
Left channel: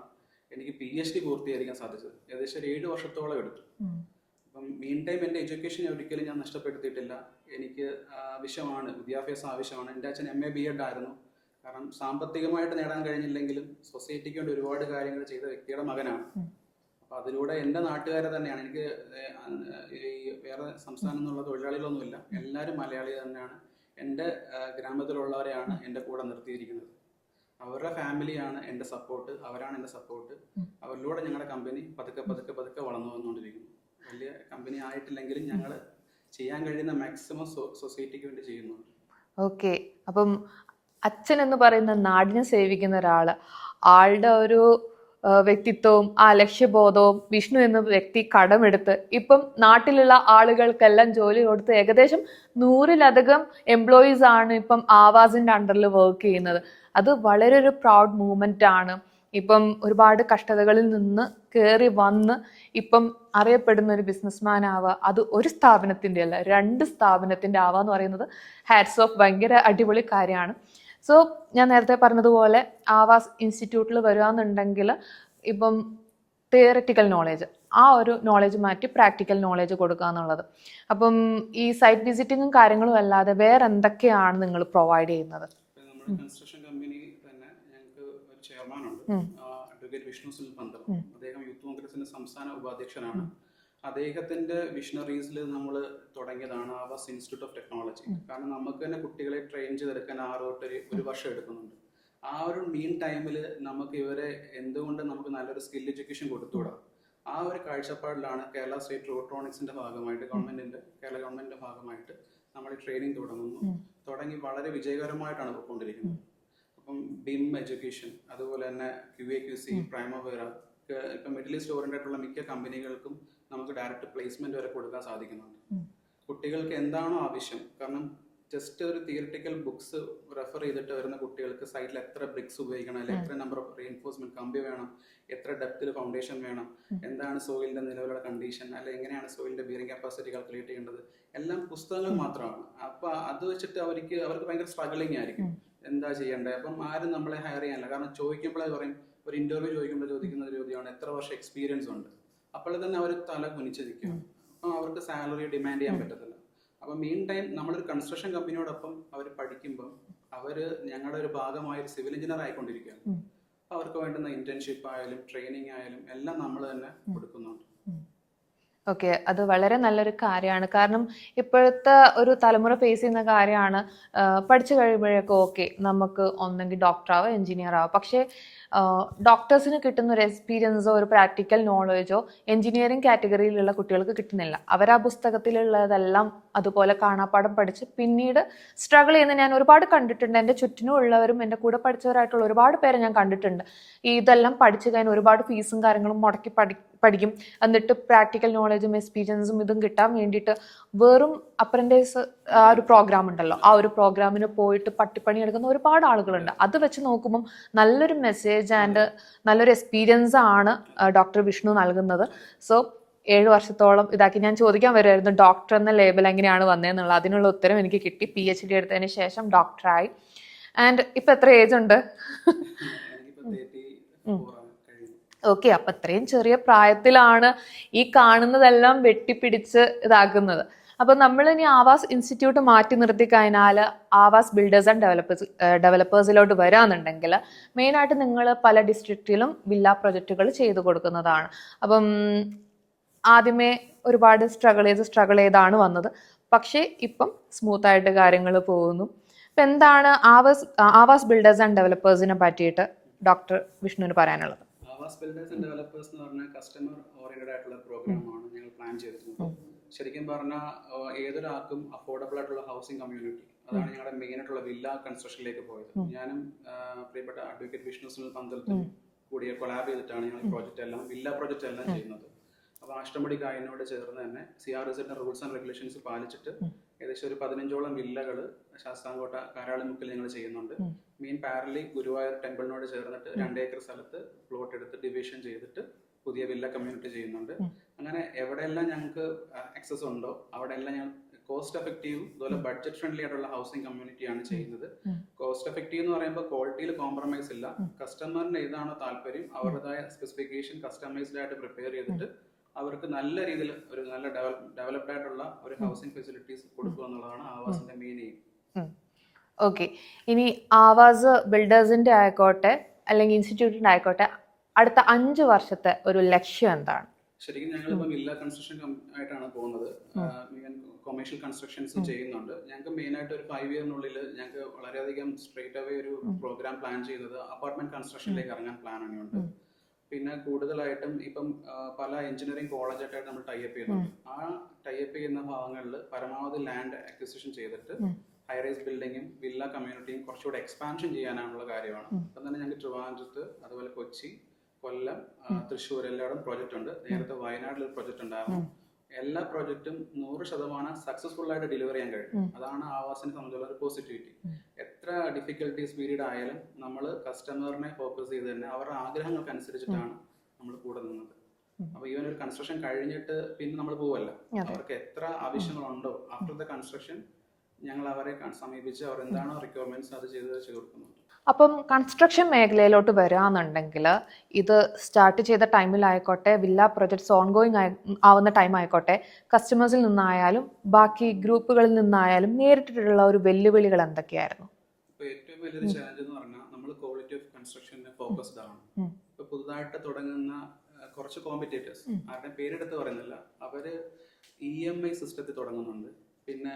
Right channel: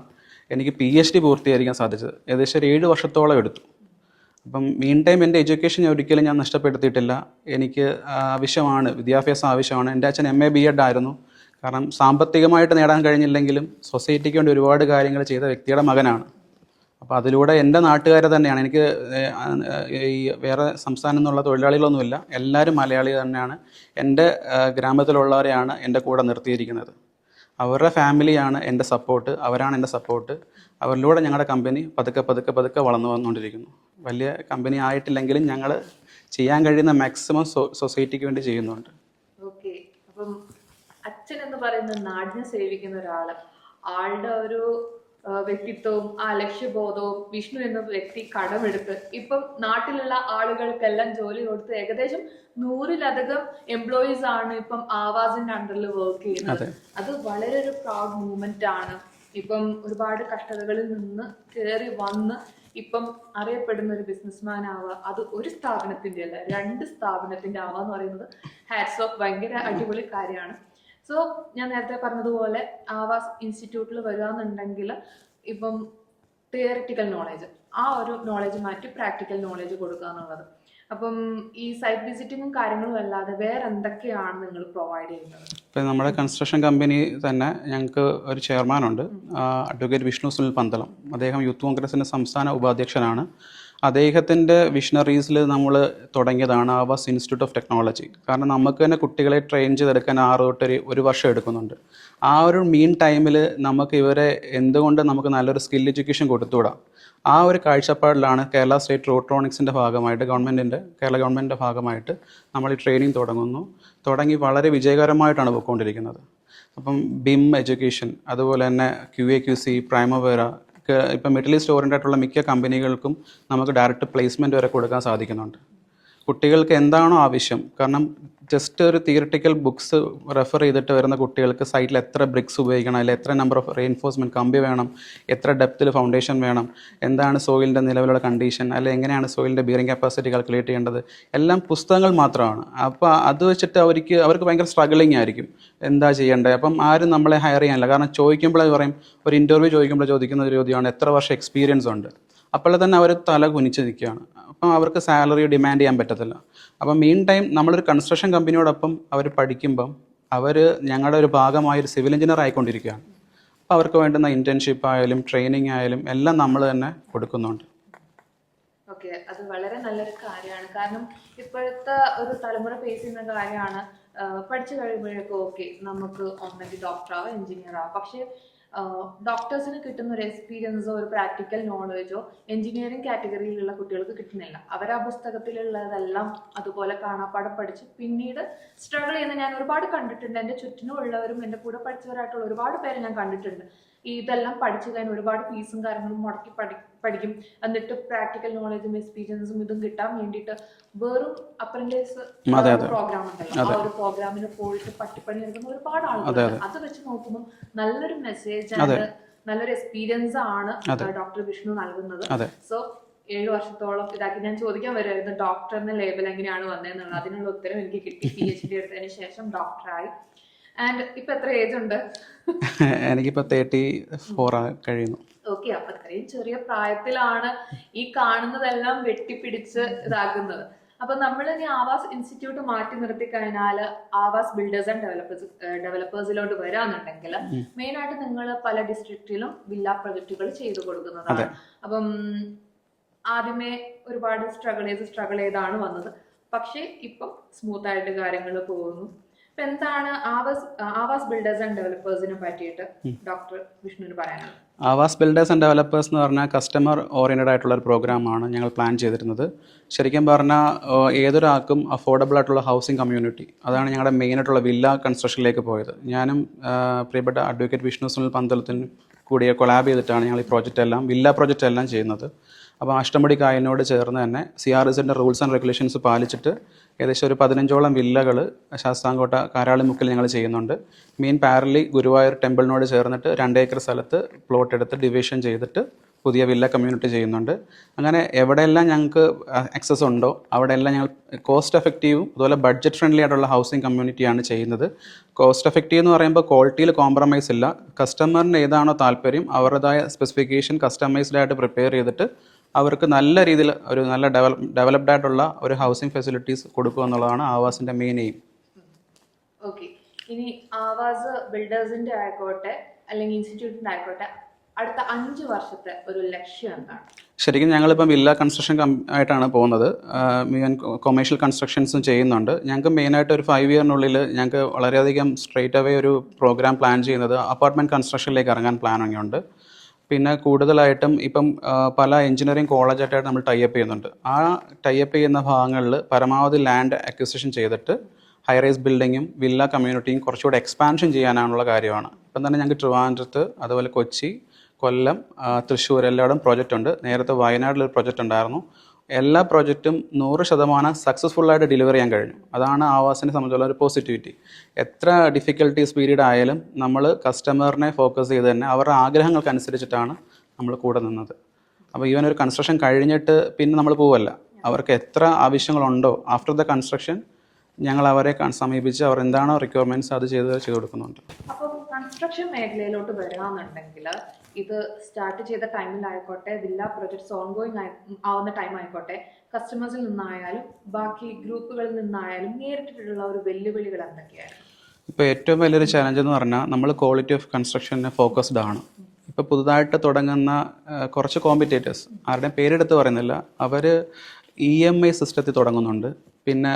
എനിക്ക് PhD പൂർത്തീകരിക്കാൻ സാധിച്ചത്. ഏകദേശം 7 വർഷത്തോളം എടുത്തു. അപ്പം മീൻ ടൈം എൻ്റെ എഡ്യൂക്കേഷൻ ഒരിക്കലും ഞാൻ നഷ്ടപ്പെടുത്തിയിട്ടില്ല. എനിക്ക് ആവശ്യമാണ്, വിദ്യാഭ്യാസം ആവശ്യമാണ്. എൻ്റെ അച്ഛൻ MA B.Ed ആയിരുന്നു. കാരണം സാമ്പത്തികമായിട്ട് നേടാൻ കഴിഞ്ഞില്ലെങ്കിലും സൊസൈറ്റിക്ക് വേണ്ടി ഒരുപാട് കാര്യങ്ങൾ ചെയ്ത വ്യക്തിയുടെ മകനാണ്. അപ്പോൾ അതിലൂടെ എൻ്റെ നാട്ടുകാരെ തന്നെയാണ് എനിക്ക് ഈ വേറെ സംസ്ഥാനം എന്നുള്ള തൊഴിലാളികളൊന്നുമില്ല, എല്ലാവരും മലയാളി തന്നെയാണ്. എൻ്റെ ഗ്രാമത്തിലുള്ളവരെയാണ് എൻ്റെ കൂടെ നിർത്തിയിരിക്കുന്നത്. അവരുടെ ഫാമിലിയാണ് എൻ്റെ സപ്പോർട്ട്, അവരാണ് എൻ്റെ സപ്പോർട്ട്. അവരിലൂടെ ഞങ്ങളുടെ കമ്പനി പതുക്കെ പതുക്കെ പതുക്കെ വളർന്നു വന്നുകൊണ്ടിരിക്കുന്നു. വലിയ കമ്പനി ആയിട്ടില്ലെങ്കിലും ഞങ്ങൾ ചെയ്യാൻ കഴിയുന്ന മാക്സിമം സൊസൈറ്റിക്ക് വേണ്ടി ചെയ്യുന്നുണ്ട്. ഓക്കെ, അപ്പം അച്ഛൻ എന്ന് പറയുന്ന നാടിനെ സേവിക്കുന്ന ഒരാള്, ആളുടെ ഒരു വ്യക്തിത്വവും ആ ലക്ഷ്യബോധവും വിഷ്ണു എന്ന വ്യക്തി കടമെടുത്ത് ഇപ്പം നാട്ടിലുള്ള ആളുകൾക്കെല്ലാം ജോലി കൊടുത്ത് ഏകദേശം 100-ലധികം എംപ്ലോയീസ് ആണ് ഇപ്പം ആവാസിന്റെ അണ്ടറിൽ വർക്ക് ചെയ്യുന്നത്. അത് വളരെ ഒരു പ്രൗഡ് മൂവ്മെന്റ് ആണ്. ഇപ്പം ഒരുപാട് കഷ്ടതകളിൽ നിന്ന് കയറി വന്ന് ഇപ്പം അറിയപ്പെടുന്ന ഒരു ബിസിനസ്മാൻ ആവുക, അത് ഒരു സ്ഥാപനത്തിന്റെ അല്ല 2 സ്ഥാപനത്തിന്റെ ആവുക എന്ന് പറയുന്നത് ഹാറ്റ്സ് ഓഫ്, ഭയങ്കര അടിപൊളി കാര്യമാണ്. സോ ഞാൻ നേരത്തെ പറഞ്ഞതുപോലെ ആവാസ് ഇൻസ്റ്റിറ്റ്യൂട്ടിൽ വരികയെന്നുണ്ടെങ്കിൽ ഇപ്പം തിയററ്റിക്കൽ നോളേജ്, ആ ഒരു നോളേജ് മാറ്റി പ്രാക്ടിക്കൽ നോളേജ് കൊടുക്കുക എന്നുള്ളത്. അപ്പം ഈ സൈറ്റ് വിസിറ്റിങ്ങും കാര്യങ്ങളും അല്ലാതെ വേറെ എന്തൊക്കെയാണ് നിങ്ങൾ പ്രൊവൈഡ് ചെയ്യുന്നത്? ഇപ്പം നമ്മുടെ കൺസ്ട്രക്ഷൻ കമ്പനി തന്നെ ഞങ്ങൾക്ക് ഒരു ചെയർമാനുണ്ട്, അഡ്വക്കേറ്റ് വിഷ്ണു സുനിൽ പന്തളം. അദ്ദേഹം യൂത്ത് കോൺഗ്രസിൻ്റെ സംസ്ഥാന ഉപാധ്യക്ഷനാണ്. അദ്ദേഹത്തിൻ്റെ വിഷണറീസിൽ നമ്മൾ തുടങ്ങിയതാണ് ആവാസ് ഇൻസ്റ്റിറ്റ്യൂട്ട് ഓഫ് ടെക്നോളജി. കാരണം നമുക്ക് തന്നെ കുട്ടികളെ ട്രെയിൻ ചെയ്തെടുക്കാൻ 6 തൊട്ട് 1 വർഷം എടുക്കുന്നുണ്ട്. ആ ഒരു മീൻ ടൈമിൽ നമുക്ക് ഇവരെ എന്തുകൊണ്ട് നമുക്ക് നല്ലൊരു സ്കിൽ എഡ്യൂക്കേഷൻ കൊടുത്തുകൂടാം, ആ ഒരു കാഴ്ചപ്പാടിലാണ് കേരള സ്റ്റേറ്റ് റോട്രോണിക്സിൻ്റെ ഭാഗമായിട്ട് കേരള ഗവൺമെൻറ്റിൻ്റെ ഭാഗമായിട്ട് നമ്മൾ ഈ ട്രെയിനിങ് തുടങ്ങി വളരെ വിജയകരമായിട്ടാണ് പോയിക്കൊണ്ടിരിക്കുന്നത്. അപ്പം BIM എഡ്യൂക്കേഷൻ, അതുപോലെ തന്നെ QA/QC, പ്രൈമവേര, ഇപ്പം മിഡിൽ ഈസ്റ്റ് ഓറിയൻ്റ് ആയിട്ടുള്ള മിക്ക കമ്പനികൾക്കും നമുക്ക് ഡയറക്റ്റ് പ്ലേസ്മെൻറ്റ് വരെ കൊടുക്കാൻ സാധിക്കുന്നുണ്ട്. കുട്ടികൾക്ക് എന്താണോ ആവശ്യം, കാരണം ജസ്റ്റ് ഒരു തിയറിറ്റിക്കൽ ബുക്സ് റെഫർ ചെയ്തിട്ട് വരുന്ന കുട്ടികൾക്ക് സൈറ്റിൽ എത്ര ബ്രിക്സ് ഉപയോഗിക്കണം, അല്ലെങ്കിൽ എത്ര നമ്പർ ഓഫ് റെയിൻഫോഴ്സ്മെൻറ്റ് കമ്പി വേണം, എത്ര ഡെപ്തിൽ ഫൗണ്ടേഷൻ വേണം, എന്താണ് സോയിലിൻ്റെ നിലവിലുള്ള കണ്ടീഷൻ, അല്ലെങ്കിൽ എങ്ങനെയാണ് സോയിലിൻ്റെ ബിയറിംഗ് കപ്പാസിറ്റി കാൽക്കുലേറ്റ് ചെയ്യേണ്ടത്, എല്ലാം പുസ്തകങ്ങൾ മാത്രമാണ്. അപ്പോൾ അത് വെച്ചിട്ട് അവർക്ക് ഭയങ്കര സ്ട്രഗിളിങ് ആയിരിക്കും, എന്താ ചെയ്യേണ്ടത്. അപ്പം ആരും നമ്മളെ ഹയർ ചെയ്യാനില്ല. കാരണം ചോദിക്കുമ്പോഴേ പറയും, ഒരു ഇൻ്റർവ്യൂ ചോദിക്കുമ്പോൾ ചോദിക്കുന്ന ഒരു ചോദ്യമാണ് എത്ര വർഷം എക്സ്പീരിയൻസ് ഉണ്ട്. അപ്പോൾ തന്നെ അവർ തല കുനിച്ച് നിൽക്കുകയാണ്. അപ്പം അവർക്ക് സാലറി ഡിമാൻഡ് ചെയ്യാൻ പറ്റത്തില്ല. അപ്പം മീൻ ടൈം നമ്മളൊരു കൺസ്ട്രക്ഷൻ കമ്പനിയോടൊപ്പം അവർ പഠിക്കുമ്പം അവർ ഞങ്ങളുടെ ഒരു ഭാഗമായ ഒരു സിവിൽ എഞ്ചിനീയർ ആയിക്കൊണ്ടിരിക്കുകയാണ്. അപ്പോൾ അവർക്ക് വേണ്ടുന്ന ഇൻറ്റേൺഷിപ്പ് ആയാലും ട്രെയിനിങ് ആയാലും എല്ലാം നമ്മൾ തന്നെ കൊടുക്കുന്നുണ്ട്. ഓക്കെ, അത് വളരെ നല്ലൊരു കാര്യമാണ്. കാരണം ഇപ്പോഴത്തെ ഒരു തലമുറ ഫേസ് ചെയ്യുന്ന കാര്യമാണ്, പഠിച്ചു കഴിയുമ്പോഴേക്കും ഓക്കെ നമുക്ക് ഒന്നെങ്കിൽ ഡോക്ടറാവോ എഞ്ചിനീയർ ആവോ, പക്ഷേ ഡോക്ടേഴ്സിന് കിട്ടുന്ന ഒരു എക്സ്പീരിയൻസോ ഒരു പ്രാക്ടിക്കൽ നോളേജോ എഞ്ചിനീയറിംഗ് കാറ്റഗറിയിലുള്ള കുട്ടികൾക്ക് കിട്ടുന്നില്ല. അവർ ആ പുസ്തകത്തിലുള്ളതെല്ലാം അതുപോലെ കാണാപ്പാഠം പഠിച്ച് പിന്നീട് സ്ട്രഗിൾ ചെയ്യുന്ന ഞാൻ ഒരുപാട് കണ്ടിട്ടുണ്ട്. എൻ്റെ ചുറ്റിനും ഉള്ളവരും എൻ്റെ കൂടെ പഠിച്ചവരായിട്ടുള്ള ഒരുപാട് പേരെ ഞാൻ കണ്ടിട്ടുണ്ട്. ഇതെല്ലാം പഠിച്ചു കഴിഞ്ഞാൽ ഒരുപാട് ഫീസും കാര്യങ്ങളും മുടക്കി പഠിക്കും. എന്നിട്ട് പ്രാക്ടിക്കൽ നോളേജും എക്സ്പീരിയൻസും ഇതും കിട്ടാൻ വേണ്ടിയിട്ട് വെറും അപ്രന്റൈസ് ആ ഒരു പ്രോഗ്രാം ഉണ്ടല്ലോ, ആ ഒരു പ്രോഗ്രാമിന് പോയിട്ട് പട്ടിപ്പണി എടുക്കുന്ന ഒരുപാട് ആളുകളുണ്ട്. അത് വെച്ച് നോക്കുമ്പോൾ നല്ലൊരു മെസ്സേജ് ആൻഡ് നല്ലൊരു എക്സ്പീരിയൻസ് ആണ് ഡോക്ടർ വിഷ്ണു നൽകുന്നത്. സോ 7 വർഷത്തോളം ഇതാക്കി ഞാൻ ചോദിക്കാൻ വരുമായിരുന്നു ഡോക്ടർ എന്ന ലേബൽ എങ്ങനെയാണ് വന്നതെന്നുള്ളത്. അതിനുള്ള ഉത്തരം എനിക്ക് കിട്ടി. PhD എടുത്തതിന് ശേഷം ഡോക്ടറായി. ആൻഡ് ഇപ്പൊ എത്ര ഏജ് ഉണ്ട്? എനിക്കിപ്പോ 34 കഴിയുന്നു. ഓക്കെ, അപ്പൊ അത്രയും ചെറിയ പ്രായത്തിലാണ് ഈ കാണുന്നതെല്ലാം വെട്ടിപ്പിടിച്ച് ഇതാക്കുന്നത്. അപ്പൊ നമ്മൾ ഇനി ആവാസ് ഇൻസ്റ്റിറ്റ്യൂട്ട് മാറ്റി നിർത്തി കഴിഞ്ഞാൽ ആവാസ് ബിൽഡേഴ്സ് ആൻഡ് ഡെവലപ്പേഴ്സിലോട്ട് വരാന്നുണ്ടെങ്കിൽ മെയിൻ ആയിട്ട് നിങ്ങൾ പല ഡിസ്ട്രിക്റ്റിലും വില്ല പ്രൊജക്റ്റുകൾ ചെയ്തു കൊടുക്കുന്നതാണ്. അപ്പം ആദ്യമേ ഒരുപാട് സ്ട്രഗിൾ ചെയ്താണ് വന്നത്, പക്ഷേ ഇപ്പം സ്മൂത്ത് ആയിട്ട് കാര്യങ്ങൾ പോകുന്നു. ഇപ്പൊ എന്താണ് ആവാസ് ബിൽഡേഴ്സ് ആൻഡ് ഡെവലപ്പേഴ്സിനെ പറ്റിയിട്ട് ഡോക്ടർ വിഷ്ണുവിന് പറയാനുള്ളത്? ആവാസ് ബിൽഡേഴ്സ് ആൻഡ് ഡെവലപ്പേഴ്സ് എന്ന് പറഞ്ഞാൽ കസ്റ്റമർ ഓറിയൻറ്റഡ് ആയിട്ടുള്ള ഒരു പ്രോഗ്രാമാണ് ഞങ്ങൾ പ്ലാൻ ചെയ്തിരുന്നത്. ശരിക്കും പറഞ്ഞാൽ ഏതൊരാൾക്കും അഫോർഡബിൾ ആയിട്ടുള്ള ഹൗസിംഗ് കമ്മ്യൂണിറ്റി, അതാണ് ഞങ്ങളുടെ മെയിൻ ആയിട്ടുള്ള വില്ല കൺസ്ട്രക്ഷനിലേക്ക് പോയത്. ഞാനും പ്രിയപ്പെട്ട അഡ്വക്കേറ്റ് വിഷ്ണു സുനിൽ പന്തളത്തിനും കൂടി കൊളാബ് ചെയ്തിട്ടാണ് ഞങ്ങൾ ഈ വില്ല പ്രോജക്റ്റ് എല്ലാം ചെയ്യുന്നത്. അപ്പോൾ അഷ്ടമുടി കായലിനോട് ചേർന്ന് തന്നെ CRSൻ്റെ റൂൾസ് ആൻഡ് റെഗുലേഷൻസ് പാലിച്ചിട്ട് ഏകദേശം ഒരു 15ഓളം വില്ലകൾ ശാസ്താംകോട്ട കാരാളിമുക്കിൽ ഞങ്ങൾ ചെയ്യുന്നുണ്ട്. മെയിൻ പാരലി ഗുരുവായൂർ ടെമ്പിളിനോട് ചേർന്നിട്ട് 2 ഏക്കർ സ്ഥലത്ത് പ്ലോട്ട് എടുത്ത് ഡിവിഷൻ ചെയ്തിട്ട് പുതിയ വില്ല കമ്മ്യൂണിറ്റി ചെയ്യുന്നുണ്ട്. അങ്ങനെ എവിടെയെല്ലാം ഞങ്ങൾക്ക് ആക്സസ് ഉണ്ടോ അവിടെയെല്ലാം ഞങ്ങൾ കോസ്റ്റ് എഫക്റ്റീവും അതുപോലെ ബഡ്ജറ്റ് ഫ്രണ്ട്ലി ആയിട്ടുള്ള ഹൗസിംഗ് കമ്മ്യൂണിറ്റിയാണ് ചെയ്യുന്നത്. കോസ്റ്റ് എഫക്റ്റീവ് എന്ന് പറയുമ്പോൾ ക്വാളിറ്റിയിൽ കോംപ്രമൈസ് ഇല്ല. കസ്റ്റമറിന് ഏതാണോ താല്പര്യം അവരുടേതായ സ്പെസിഫിക്കേഷൻ കസ്റ്റമൈസ്ഡ് ആയിട്ട് പ്രിപ്പയർ ചെയ്തിട്ട് അവർക്ക് നല്ല രീതിയിൽ ഒരു നല്ല ഡെവലപ്ഡ് ആയിട്ടുള്ള ഒരു ഹൗസിംഗ് ഫെസിലിറ്റീസ് കൊടുക്കുക എന്നുള്ളതാണ് ആവാസിൻ്റെ മെയിൻ എയിം. ഓക്കെ, ഇനി ആവാസ് ബിൽഡേഴ്സിന്റെ ആയിക്കോട്ടെ അല്ലെങ്കിൽ ഇൻസ്റ്റിറ്റ്യൂട്ടിന്റെ ആയിക്കോട്ടെ അടുത്ത 5 വർഷത്തെ ഒരു ലക്ഷ്യം എന്താണ്? ശരിക്കും ഞങ്ങളിപ്പം വില്ല കൺസ്ട്രക്ഷൻ ആയിട്ടാണ് പോകുന്നത്. മുഴുവൻ കൊമേഴ്ഷ്യൽ കൺസ്ട്രക്ഷൻസും ചെയ്യുന്നുണ്ട്. ഞങ്ങൾക്ക് മെയിനായിട്ട് ഒരു 5 ഇയറിനുള്ളിൽ ഞങ്ങൾക്ക് വളരെയധികം സ്ട്രെയിറ്റ് അവേ ഒരു പ്രോഗ്രാം പ്ലാൻ ചെയ്യുന്നത് അപ്പാർട്ട്മെൻറ്റ് കൺസ്ട്രക്ഷനിലേക്ക് ഇറങ്ങാൻ പ്ലാനിങ് ഉണ്ട്. പിന്നെ കൂടുതലായിട്ടും ഇപ്പം പല എഞ്ചിനീയറിംഗ് കോളേജായിട്ടായിട്ട് നമ്മൾ ടൈപ്പ് ചെയ്യുന്നുണ്ട്. ആ ടൈപ്പ് ചെയ്യുന്ന ഭാഗങ്ങളിൽ പരമാവധി ലാൻഡ് അക്വിസിഷൻ ചെയ്തിട്ട് ഹൈറൈസ് ബിൽഡിങ്ങും വില്ല കമ്മ്യൂണിറ്റിയും കുറച്ചുകൂടെ എക്സ്പാൻഷൻ ചെയ്യാനുള്ള കാര്യമാണ്. ഇപ്പം തന്നെ ഞങ്ങൾക്ക് ട്രിവാൻഡ്രത്ത്, അതുപോലെ കൊച്ചി, കൊല്ലം, തൃശ്ശൂർ എല്ലായിടും പ്രോജക്റ്റ് ഉണ്ട്. നേരത്തെ വയനാട്ടിലൊരു പ്രോജക്റ്റ് ഉണ്ടായിരുന്നു. എല്ലാ പ്രോജക്റ്റും 100% സക്സസ്ഫുള്ളായിട്ട് ഡെലിവർ ചെയ്യാൻ കഴിഞ്ഞു. അതാണ് ആവാസിനെ സംബന്ധിച്ചുള്ള ഒരു പോസിറ്റിവിറ്റി. എത്ര ഡിഫിക്കൽട്ടീസ് പീരീഡ് ആയാലും നമ്മൾ കസ്റ്റമറിനെ ഫോക്കസ് ചെയ്ത് തന്നെ അവരുടെ ആഗ്രഹങ്ങൾക്കനുസരിച്ചിട്ടാണ് നമ്മൾ കൂടെ നിന്നത്. അപ്പോൾ ഈവൻ ഒരു കൺസ്ട്രക്ഷൻ കഴിഞ്ഞിട്ട് പിന്നെ നമ്മൾ പോവല്ല. അവർക്ക് എത്ര ആവശ്യങ്ങളുണ്ടോ ആഫ്റ്റർ ദ കൺസ്ട്രക്ഷൻ ഞങ്ങൾ അവരെ സമീപിച്ച് അവർ എന്താണോ റിക്വയർമെൻറ്റ്സ് അത് ചെയ്ത് കൊടുക്കുന്നുണ്ട്. അപ്പം കൺസ്ട്രക്ഷൻ മേഖലയിലോട്ട് വരികയാണെന്നുണ്ടെങ്കിൽ ഇത് സ്റ്റാർട്ട് ചെയ്ത ടൈമിലായിക്കോട്ടെ, വില്ല പ്രൊജക്ട്സ് ഓൺഗോയിങ് ആവുന്ന ടൈം ആയിക്കോട്ടെ, കസ്റ്റമേഴ്സിൽ നിന്നായാലും ബാക്കി ഗ്രൂപ്പുകളിൽ നിന്നായാലും നേരിട്ടിട്ടുള്ള ഒരു വെല്ലുവിളികൾ എന്തൊക്കെയായിരുന്നു? ഇപ്പോൾ ഏറ്റവും വലിയൊരു ചാലഞ്ച് എന്ന് പറഞ്ഞാൽ നമ്മൾ ക്വാളിറ്റി ഓഫ് കൺസ്ട്രക്ഷന് ഫോക്കസ്ഡ് ആണ്. ഇപ്പോൾ പുതുതായിട്ട് തുടങ്ങുന്ന കുറച്ച് കോമ്പറ്റേറ്റേഴ്സ്, ആരുടെയും പേരെടുത്ത് പറയുന്നില്ല, അവർ EMI സിസ്റ്റത്തിൽ തുടങ്ങുന്നുണ്ട്. പിന്നെ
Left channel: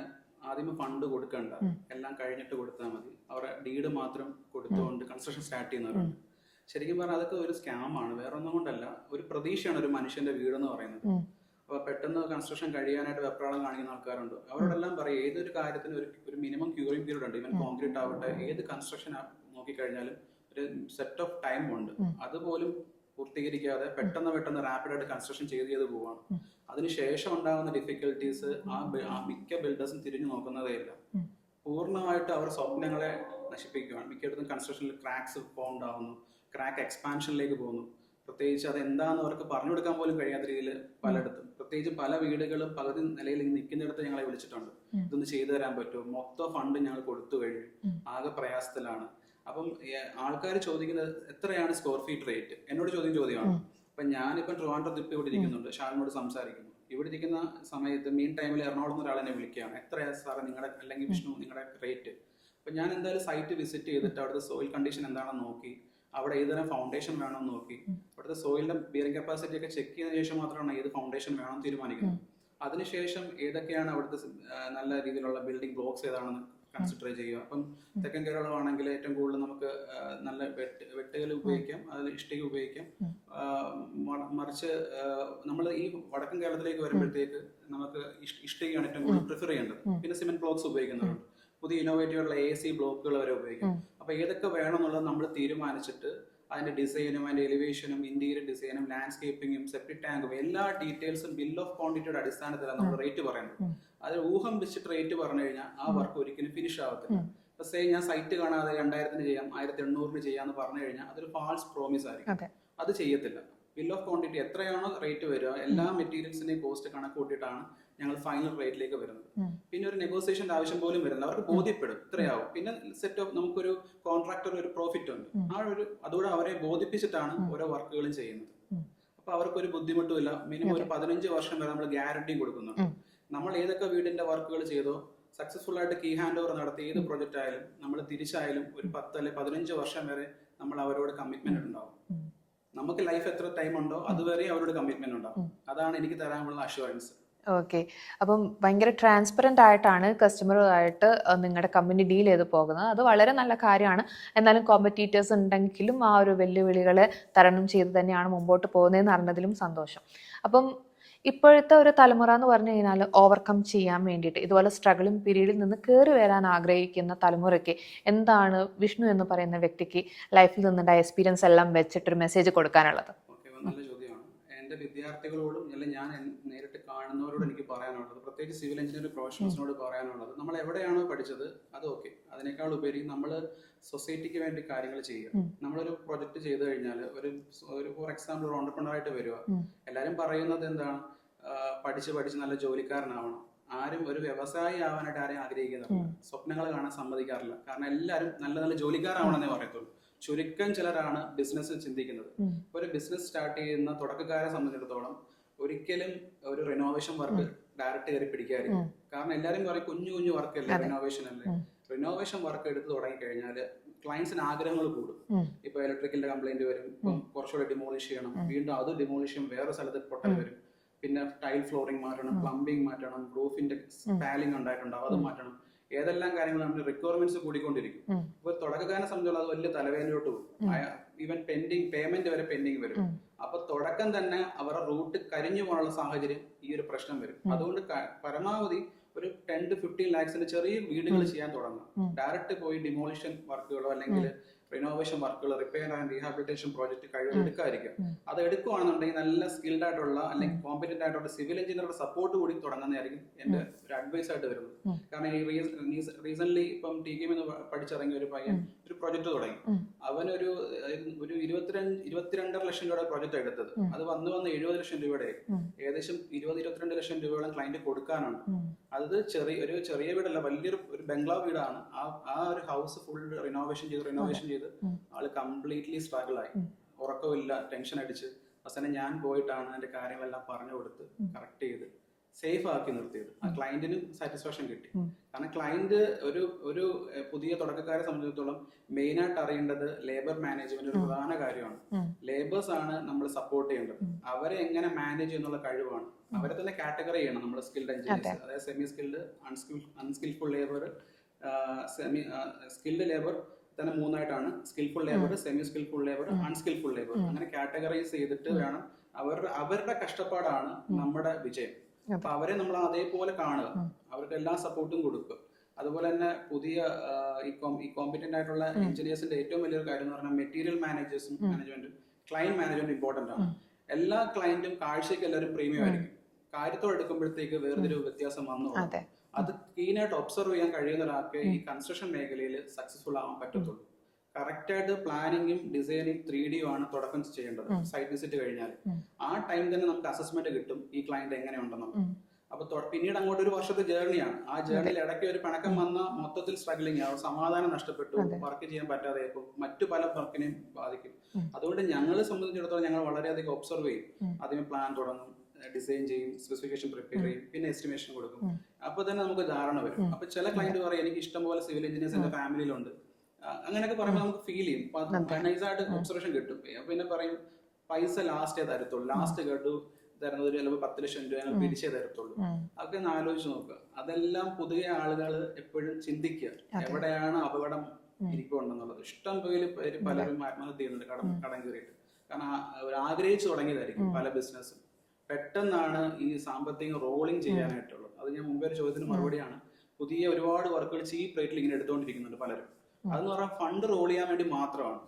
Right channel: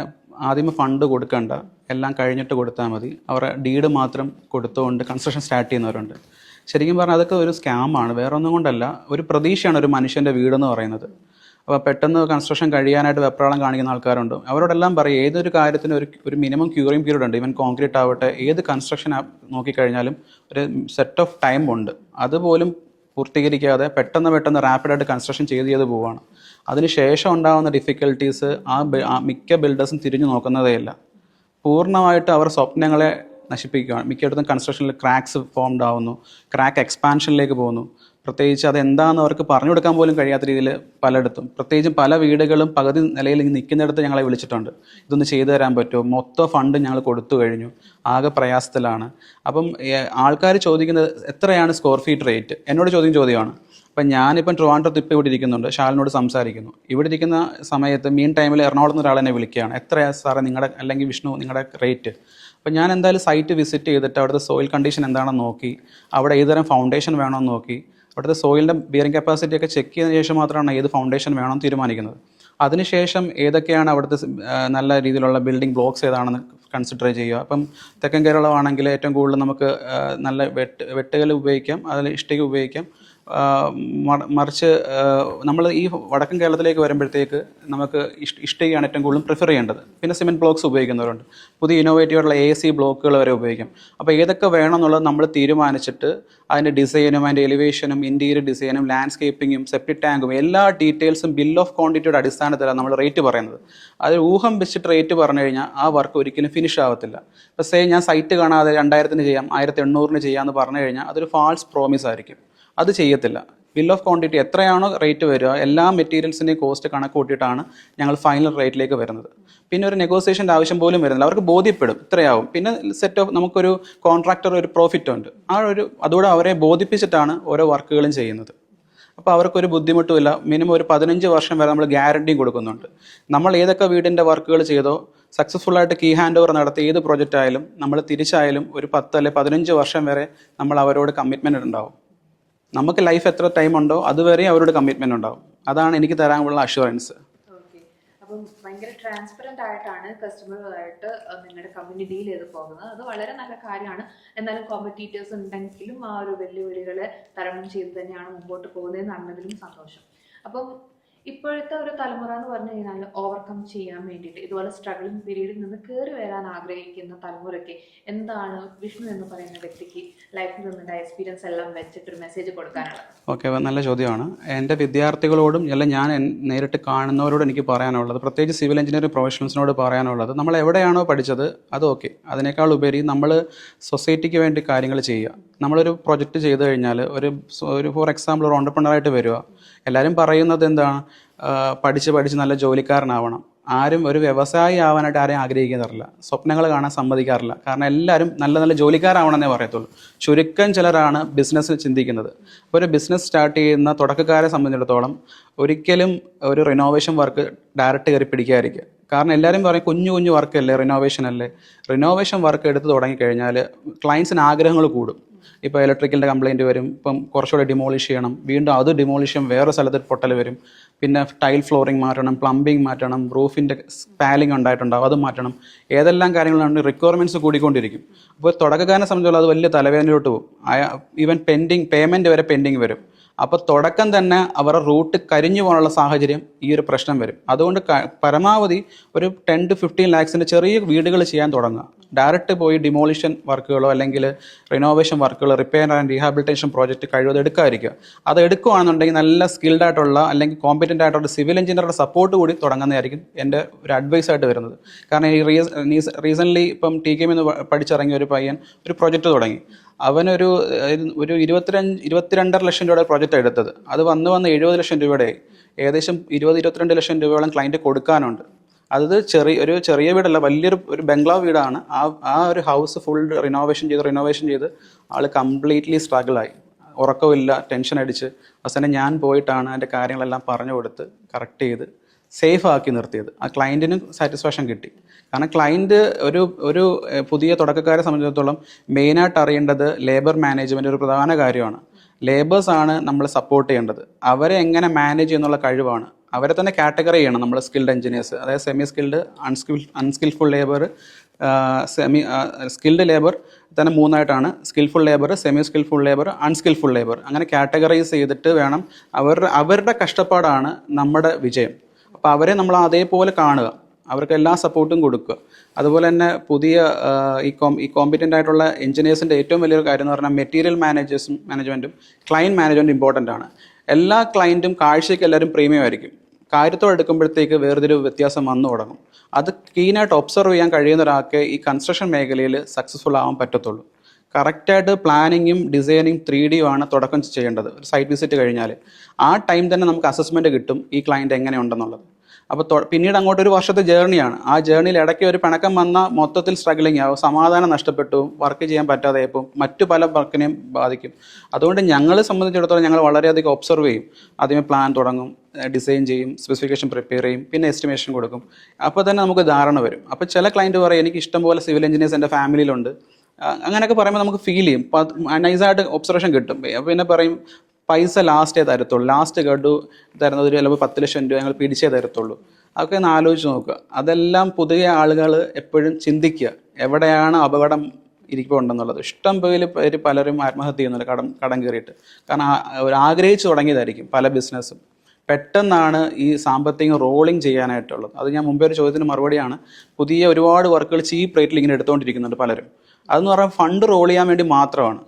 ആദ്യമേ ഫണ്ട് കൊടുക്കണ്ട, എല്ലാം കഴിഞ്ഞിട്ട് കൊടുത്താൽ മതി, അവരുടെ ഡീഡ് മാത്രം കൊടുത്തുകൊണ്ട് കൺസ്ട്രക്ഷൻ സ്റ്റാർട്ട് ചെയ്യുന്നവരുണ്ട്. ശരിക്കും പറഞ്ഞാൽ അതൊക്കെ ഒരു സ്കാമാണ്, വേറെ ഒന്നും കൊണ്ടല്ല. ഒരു പ്രതീക്ഷയാണ് ഒരു മനുഷ്യൻ്റെ വീടെന്ന് പറയുന്നത്. അപ്പോൾ പെട്ടെന്ന് കൺസ്ട്രക്ഷൻ കഴിയാനായിട്ട് വെപ്രാളം കാണിക്കുന്ന ആൾക്കാരുണ്ട്. അവരോടെല്ലാം പറയും ഏതൊരു കാര്യത്തിനും ഒരു മിനിമം ക്യൂറിങ് പീരീഡ് ഉണ്ട്. ഈവൻ കോൺക്രീറ്റ് ആവട്ടെ, ഏത് കൺസ്ട്രക്ഷൻ നോക്കിക്കഴിഞ്ഞാലും ഒരു സെറ്റ് ഓഫ് ടൈം ഉണ്ട്. അതുപോലും പൂർത്തീകരിക്കാതെ പെട്ടെന്ന് റാപ്പിഡായിട്ട് കൺസ്ട്രക്ഷൻ ചെയ്ത് പോവുകയാണ്. അതിന് ശേഷം ഉണ്ടാകുന്ന ഡിഫിക്കൽട്ടീസ് മിക്ക ബിൽഡേഴ്സും തിരിഞ്ഞു നോക്കുന്നതേ ഇല്ല. പൂർണ്ണമായിട്ട് അവർ സ്വപ്നങ്ങളെ നശിപ്പിക്കുകയാണ്. മിക്കയിടത്തും കൺസ്ട്രക്ഷനിൽ ക്രാക്സ് ഫോംഡ് ആവുന്നു, ക്രാക്ക് എക്സ്പാൻഷനിലേക്ക് പോകുന്നു. പ്രത്യേകിച്ച് അതെന്താണെന്ന് അവർക്ക് പറഞ്ഞു കൊടുക്കാൻ പോലും കഴിയാത്ത രീതിയിൽ പലയിടത്തും, പ്രത്യേകിച്ചും പല വീടുകളും പകുതി നിലയിൽ നിൽക്കുന്നിടത്ത് ഞങ്ങളെ വിളിച്ചിട്ടുണ്ട്, ഇതൊന്ന് ചെയ്തു തരാൻ പറ്റുമോ, മൊത്തം ഫണ്ട് ഞങ്ങൾ കൊടുത്തു കഴിഞ്ഞു, ആകെ പ്രയാസത്തിലാണ്. അപ്പം ആൾക്കാർ ചോദിക്കുന്നത് എത്രയാണ് സ്ക്വയർ ഫീറ്റ് റേറ്റ്, എന്നോട് ചോദ്യമാണ്. അപ്പം ഞാനിപ്പം ട്രിവാൻഡ്രത്ത് ഇപ്പോൾ ഇവിടെ ഇരിക്കുന്നുണ്ട്, ഷാലിനോട് സംസാരിക്കുന്നു. ഇവിടെ ഇരിക്കുന്ന സമയത്ത് മീൻ ടൈമിൽ എറണാകുളത്ത് നിന്ന് ഒരാൾ എന്നെ വിളിക്കുകയാണ്, എത്രയാണ് സാറേ നിങ്ങളുടെ, അല്ലെങ്കിൽ വിഷ്ണു നിങ്ങളുടെ റേറ്റ്. അപ്പം ഞാൻ എന്തായാലും സൈറ്റ് വിസിറ്റ് ചെയ്തിട്ട് അവിടുത്തെ സോയിൽ കണ്ടീഷൻ എന്താണെന്ന് നോക്കി, അവിടെ ഏതുതരം ഫൗണ്ടേഷൻ വേണമെന്ന് നോക്കി, അവിടുത്തെ സോയിലിൻ്റെ ബിയറിംഗ് കപ്പാസിറ്റി ഒക്കെ ചെക്ക് ചെയ്തതിന് ശേഷം മാത്രമാണ് ഏത് ഫൗണ്ടേഷൻ വേണമെന്ന് തീരുമാനിക്കുന്നത്. അതിനുശേഷം ഏതൊക്കെയാണ് അവിടുത്തെ നല്ല രീതിയിലുള്ള ബിൽഡിംഗ് ബ്ലോക്സ് ഏതാണെന്ന് കൺസിഡർ ചെയ്യുക. അപ്പം തെക്കൻ കേരളമാണെങ്കിൽ ഏറ്റവും കൂടുതൽ നമുക്ക് നല്ല വെട്ടുകൽ ഉപയോഗിക്കാം, അതിൽ ഇഷ്ടിക ഉപയോഗിക്കാം. മറിച്ച് നമ്മൾ ഈ വടക്കൻ കേരളത്തിലേക്ക് വരുമ്പോഴത്തേക്ക് നമുക്ക് ഇഷ്ടികയാണ് ഏറ്റവും കൂടുതൽ പ്രിഫർ ചെയ്യേണ്ടത്. പിന്നെ സിമെൻറ്റ് ബ്ലോക്സ് ഉപയോഗിക്കുന്നവരുണ്ട്, പുതിയ ഇന്നോവേറ്റീവായിട്ടുള്ള AC ബ്ലോക്കുകൾ വരെ ഉപയോഗിക്കാം. അപ്പോൾ ഏതൊക്കെ വേണമെന്നുള്ളത് നമ്മൾ തീരുമാനിച്ചിട്ട് അതിൻ്റെ ഡിസൈനും അതിൻ്റെ എലിവേഷനും ഇൻറ്റീരിയർ ഡിസൈനും ലാൻഡ്സ്കേപ്പിങ്ങും സെപ്റ്റിക് ടാങ്കും എല്ലാ ഡീറ്റെയിൽസും ബിൽ ഓഫ് ക്വാണ്ടിറ്റിയുടെ അടിസ്ഥാനത്തിലാണ് നമ്മൾ റേറ്റ് പറയുന്നത്. അത് ഊഹം വെച്ചിട്ട് റേറ്റ് പറഞ്ഞു കഴിഞ്ഞാൽ ആ വർക്ക് ഒരിക്കലും ഫിനിഷ് ആവത്തില്ല. ഇപ്പോൾ സേ ഞാൻ സൈറ്റ് കാണാതെ 2000-ന് ചെയ്യാം, 1800-ന് ചെയ്യാമെന്ന് പറഞ്ഞു കഴിഞ്ഞാൽ അതൊരു ഫാൾസ് പ്രോമിസ് ആയിരിക്കും. അത് ചെയ്യത്തില്ല. ബിൽ ഓഫ് ക്വാണ്ടിറ്റി എത്രയാണോ റേറ്റ് വരിക, എല്ലാ മെറ്റീരിയൽസിൻ്റെയും കോസ്റ്റ് കണക്ക് കൂട്ടിയിട്ടാണ് ഞങ്ങൾ ഫൈനൽ റേറ്റിലേക്ക് വരുന്നത്. പിന്നെ ഒരു നെഗോസിയേഷൻ്റെ ആവശ്യം പോലും വരുന്നില്ല, അവർക്ക് ബോധ്യപ്പെടും ഇത്രയാവും. പിന്നെ സെറ്റ് ഓഫ് നമുക്കൊരു കോൺട്രാക്ടർ ഒരു പ്രോഫിറ്റ് ഉണ്ട്, അതോടെ അവരെ ബോധിപ്പിച്ചിട്ടാണ് ഓരോ വർക്കുകളും ചെയ്യുന്നത്. അപ്പോൾ അവർക്കൊരു ബുദ്ധിമുട്ടുമില്ല. മിനിമം ഒരു 15 വർഷം വരെ നമ്മൾ ഗ്യാരണ്ടിയും കൊടുക്കുന്നുണ്ട്. നമ്മൾ ഏതൊക്കെ വീടിൻ്റെ വർക്കുകൾ ചെയ്തോ സക്സസ്ഫുള്ളായിട്ട് കീ ഹാൻഡ് ഓവർ നടത്തി ഏത് പ്രോജക്റ്റ് ആയാലും നമ്മൾ തിരിച്ചായാലും ഒരു 10 അല്ലെങ്കിൽ 15 വർഷം വരെ നമ്മൾ അവരോട് കമ്മിറ്റ്മെൻറ്റ് ഉണ്ടാവും. നമുക്ക് ലൈഫ് എത്ര ടൈം ഉണ്ടോ അതുവരെ അവരോട് കമ്മിറ്റ്മെൻറ്റ് ഉണ്ടാവും. അതാണ് എനിക്ക് തരാനുള്ള അഷുറൻസ്. ഓക്കെ, അപ്പം ഭയങ്കര ട്രാൻസ്പെറൻ്റ് ആയിട്ടാണ് കസ്റ്റമറുമായിട്ട് നിങ്ങളുടെ കമ്പനി ഡീൽ ചെയ്ത് പോകുന്നത്. അത് വളരെ നല്ല കാര്യമാണ്. എന്നാലും കോമ്പറ്റീറ്റേഴ്സ് ഉണ്ടെങ്കിലും ആ ഒരു വെല്ലുവിളികളെ തരണം ചെയ്ത് തന്നെയാണ് മുമ്പോട്ട് പോകുന്നതെന്ന് അറിഞ്ഞതിലും സന്തോഷം. അപ്പം ഇപ്പോഴത്തെ ഒരു തലമുറ എന്ന് പറഞ്ഞു കഴിഞ്ഞാൽ ഓവർകം ചെയ്യാൻ വേണ്ടിയിട്ട് ഇതുപോലെ സ്ട്രഗിളിംഗ് പീരീഡിൽ നിന്ന് കയറി വരാൻ ആഗ്രഹിക്കുന്ന തലമുറയ്ക്ക് എന്താണ് വിഷ്ണു എന്ന് പറയുന്ന വ്യക്തിക്ക് ലൈഫിൽ നിന്നുണ്ടായ എക്സ്പീരിയൻസ് എല്ലാം വെച്ചിട്ടൊരു മെസ്സേജ് കൊടുക്കാനുള്ളത്? ഓക്കെ, നല്ല ചോദ്യമാണ്. എൻ്റെ വിദ്യാർത്ഥികളോടും അല്ല ഞാൻ നേരിട്ട് കാണുന്നവരോട് എനിക്ക് പറയാനുള്ളത്, പ്രത്യേകിച്ച് സിവിൽ എഞ്ചിനീയറിംഗ് പ്രൊഫഷണൽസിനോട് പറയാനുള്ളത്, നമ്മൾ എവിടെയാണോ പഠിച്ചത് അത് ഓക്കെ, അതിനേക്കാൾ ഉപരി നമ്മൾ സൊസൈറ്റിക്ക് വേണ്ടി കാര്യങ്ങൾ ചെയ്യുക. നമ്മളൊരു പ്രൊജക്റ്റ് ചെയ്ത് കഴിഞ്ഞാൽ ഒരു ഫോർ എക്സാമ്പിൾ ഒരു ഓണ്ടർപ്രണറായിട്ട് വരിക, എല്ലാവരും പറയുന്നത് എന്താണ്, പഠിച്ച് നല്ല ജോലിക്കാരനാവണം. ആരും ഒരു വ്യവസായി ആവാനായിട്ട് ആരെയും ആഗ്രഹിക്കാറില്ല, സ്വപ്നങ്ങൾ കാണാൻ സമ്മതിക്കാറില്ല. കാരണം എല്ലാവരും നല്ല ജോലിക്കാരാവണമെന്നേ പറയത്തുള്ളൂ. ചുരുക്കം ചിലരാണ് ബിസിനസ് ചിന്തിക്കുന്നത്. അപ്പോൾ ഒരു ബിസിനസ് സ്റ്റാർട്ട് ചെയ്യുന്ന തുടക്കക്കാരെ സംബന്ധിച്ചിടത്തോളം ഒരിക്കലും ഒരു റിനോവേഷൻ വർക്ക് ഡയറക്റ്റ് കയറി പിടിക്കാതിരിക്കുക. കാരണം എല്ലാവരും പറയും കുഞ്ഞു കുഞ്ഞു വർക്ക് അല്ലേ, റിനോവേഷൻ അല്ലേ. റിനോവേഷൻ വർക്ക് എടുത്ത് തുടങ്ങിക്കഴിഞ്ഞാൽ ക്ലയൻസിന് ആഗ്രഹങ്ങൾ കൂടും. ഇപ്പോൾ ഇലക്ട്രിക്കലിൻ്റെ കംപ്ലയിൻറ്റ് വരും, ഇപ്പം കുറച്ചുകൂടെ ഡിമോളിഷ് ചെയ്യണം, വീണ്ടും അത് ഡിമോളിഷ് ചെയ്യും, വേറെ സ്ഥലത്ത് പൊട്ടൽ വരും, പിന്നെ ടൈൽ ഫ്ലോറിംഗ് മാറ്റണം, പ്ലംബിംഗ് മാറ്റണം, റൂഫിൻ്റെ പാലിംഗ് ഉണ്ടായിട്ടുണ്ടാവും, അത് മാറ്റണം. ഏതെല്ലാം കാര്യങ്ങളാണ് റിക്വയർമെൻറ്റ്സ് കൂടിക്കൊണ്ടിരിക്കും. അപ്പോൾ തുടക്കക്കാരനെ സംബന്ധിച്ചുള്ള അത് വലിയ തലവേദനയിലോട്ട് പോകും. ഈവൻ പേയ്മെൻറ്റ് വരെ പെൻഡിങ് വരും. അപ്പോൾ തുടക്കം തന്നെ അവരുടെ റൂട്ട് കരിഞ്ഞു പോകാനുള്ള സാഹചര്യം ഈ ഒരു പ്രശ്നം വരും. അതുകൊണ്ട് പരമാവധി ഒരു 10 to 15 lakhs ചെറിയ വീടുകൾ ചെയ്യാൻ തുടങ്ങുക. ഡയറക്റ്റ് പോയി ഡിമോളിഷൻ വർക്കുകളോ അല്ലെങ്കിൽ റിനോവേഷൻ വർക്കുകളോ റിപ്പയർ ആൻഡ് റീഹാബിലിറ്റേഷൻ പ്രോജക്റ്റ് കഴിവത് എടുക്കാതിരിക്കുക. അത് എടുക്കുകയാണെന്നുണ്ടെങ്കിൽ നല്ല സ്കിൽഡ് ആയിട്ടുള്ള അല്ലെങ്കിൽ കോമ്പറ്റൻ്റ് ആയിട്ടുള്ള സിവിൽ എഞ്ചിനീയറുടെ സപ്പോർട്ട് കൂടി തുടങ്ങുന്നതായിരിക്കും എൻ്റെ ഒരു അഡ്വൈസ് ആയിട്ട് വരുന്നത്. കാരണം ഈ റീസെൻ്റ്ലി ഇപ്പം TKM പഠിച്ചിറങ്ങിയ ഒരു പയ്യൻ ഒരു പ്രോജക്റ്റ് തുടങ്ങി. അവനൊരു 22.5 ലക്ഷം രൂപയുടെ പ്രോജക്റ്റ് എടുത്തത്. അത് വന്ന് 70 ലക്ഷം രൂപയുടെ ഏകദേശം 20-22 ലക്ഷം രൂപയോളം ക്ലയൻറ്റ് കൊടുക്കാനുണ്ട്. അത് ചെറിയ വീടല്ല, വലിയൊരു ബംഗ്ലാവ് വീടാണ്. ആ ഒരു ഹൗസ് ഫുൾ റിനോവേഷൻ ചെയ്ത് ആൾ കംപ്ലീറ്റ്ലി സ്ട്രഗിളായി, ഉറക്കമില്ല, ടെൻഷൻ അടിച്ച് അവസാനം ഞാൻ പോയിട്ടാണ് അതിൻ്റെ കാര്യങ്ങളെല്ലാം പറഞ്ഞു കൊടുത്ത് കറക്റ്റ് ചെയ്ത് സേഫ് ആക്കി നിർത്തിയത്. ആ ക്ലയൻറ്റിന് സാറ്റിസ്ഫാക്ഷൻ കിട്ടി. കാരണം ക്ലയൻറ്റ് ഒരു പുതിയ തുടക്കക്കാരെ സംബന്ധിച്ചിടത്തോളം മെയിനായിട്ട് അറിയേണ്ടത് ലേബർ മാനേജ്മെൻറ്റ് ഒരു പ്രധാന കാര്യമാണ്. ലേബേഴ്സാണ് നമ്മൾ സപ്പോർട്ട് ചെയ്യേണ്ടത്. അവരെ എങ്ങനെ മാനേജ് ചെയ്യുന്നുള്ള കഴിവാണ്. അവരെ തന്നെ കാറ്റഗറി ചെയ്യണം നമ്മൾ. സ്കിൽഡ് എഞ്ചിനീയേഴ്സ്, അതായത് semi skilled, unskillful labour, skilled labour തന്നെ 3ആയിട്ടാണ്. Skillful labour, semi skillful labour, unskillful labour, അങ്ങനെ കാറ്റഗറൈസ് ചെയ്തിട്ട് വേണം. അവരുടെ കഷ്ടപ്പാടാണ് നമ്മുടെ വിജയം. അപ്പോൾ അവരെ നമ്മൾ അതേപോലെ കാണുക, അവർക്ക് എല്ലാ സപ്പോർട്ടും കൊടുക്കുക. അതുപോലെ തന്നെ പുതിയ ഈ കോമ്പറ്റൻ്റ് ആയിട്ടുള്ള എഞ്ചിനീയേഴ്സിൻ്റെ ഏറ്റവും വലിയൊരു കാര്യം എന്ന് പറഞ്ഞാൽ മെറ്റീരിയൽ മാനേജ്മെൻറ്റും ക്ലയൻറ്റ് മാനേജ്മെൻറ്റും ഇമ്പോർട്ടൻ്റ് ആണ്. എല്ലാ ക്ലയൻറ്റും കാഴ്ചയ്ക്ക് എല്ലാവരും പ്രീമിയം ആയിരിക്കും. കാര്യത്തോടെ എടുക്കുമ്പോഴത്തേക്ക് വേറൊരു വ്യത്യാസം വന്നു തുടങ്ങും. അത് കീനായിട്ട് ഒബ്സർവ് ചെയ്യാൻ കഴിയുന്ന ഒരാൾക്ക് ഈ കൺസ്ട്രക്ഷൻ മേഖലയിൽ സക്സസ്ഫുൾ ആവാൻ പറ്റത്തുള്ളൂ. കറക്റ്റായിട്ട് പ്ലാനിങ്ങും ഡിസൈനിങ് 3D ആണ് തുടക്കം ചെയ്യേണ്ടത്. സൈറ്റ് വിസിറ്റ് കഴിഞ്ഞാൽ ആ ടൈം തന്നെ നമുക്ക് അസസ്മെൻറ്റ് കിട്ടും ഈ ക്ലയൻറ്റ് എങ്ങനെയുണ്ടെന്നുള്ളത്. അപ്പോൾ പിന്നീട് അങ്ങോട്ട് ഒരു വർഷത്തെ ജേർണിയാണ്. ആ ജേർണിയിൽ ഇടയ്ക്ക് ഒരു പിണക്കം വന്നാൽ മൊത്തത്തിൽ സ്ട്രഗ്ലിംഗ് ആവും, സമാധാനം നഷ്ടപ്പെട്ടു, വർക്ക് ചെയ്യാൻ പറ്റാതെ ഇപ്പോൾ മറ്റു പല വർക്കിനെയും ബാധിക്കും. അതുകൊണ്ട് ഞങ്ങളെ സംബന്ധിച്ചിടത്തോളം ഞങ്ങൾ വളരെയധികം ഒബ്സർവ് ചെയ്യും. ആദ്യമേ പ്ലാൻ തുടങ്ങും, ഡിസൈൻ ചെയ്യും, സ്പെസിഫിക്കേഷൻ പ്രിപ്പയർ ചെയ്യും, പിന്നെ എസ്റ്റിമേഷൻ കൊടുക്കും. അപ്പോൾ തന്നെ നമുക്ക് ധാരണ വരും. അപ്പോൾ ചില ക്ലയൻറ്റ് പറയും എനിക്ക് ഇഷ്ടംപോലെ സിവിൽ എഞ്ചിനീയേഴ്സ് എൻ്റെ ഫാമിലിയിലുണ്ട്, അങ്ങനെയൊക്കെ പറയുമ്പോൾ നമുക്ക് ഫീൽ ചെയ്യും, നൈസായിട്ട് ഒബ്സർവേഷൻ കിട്ടും. പിന്നെ പറയും പൈസ ലാസ്റ്റേ തരത്തുള്ളൂ, ലാസ്റ്റ് ഗഡു തരുന്നത് ചിലപ്പോൾ 10 ലക്ഷം രൂപ ഞങ്ങൾ പിടിച്ചേ തരത്തുള്ളൂ. അതൊക്കെ ഒന്ന് ആലോചിച്ച് നോക്കുക. അതെല്ലാം പുതിയ ആളുകൾ എപ്പോഴും ചിന്തിക്കുക, എവിടെയാണ് അപകടം ഇരിക്കുന്നുണ്ടെന്നുള്ളത്. ഇഷ്ടം പേര് പലരും ആത്മഹത്യ ചെയ്യുന്നുണ്ട് കടം കയറിയിട്ട്. കാരണം ആഗ്രഹിച്ചു തുടങ്ങിയതായിരിക്കും പല ബിസിനസ്സും. പെട്ടെന്നാണ് ഈ സാമ്പത്തികം റോളിങ് ചെയ്യാനായിട്ടുള്ളത്. അത് ഞാൻ മുമ്പേ ഒരു ചോദ്യത്തിന് മറുപടിയാണ്. പുതിയ ഒരുപാട് വർക്കുകൾ ചീപ്പ് റേറ്റിൽ ഇങ്ങനെ എടുത്തുകൊണ്ടിരിക്കുന്നുണ്ട് പലരും. അതെന്ന് പറഞ്ഞാൽ ഫണ്ട് റോൾ ചെയ്യാൻ വേണ്ടി മാത്രമാണ്.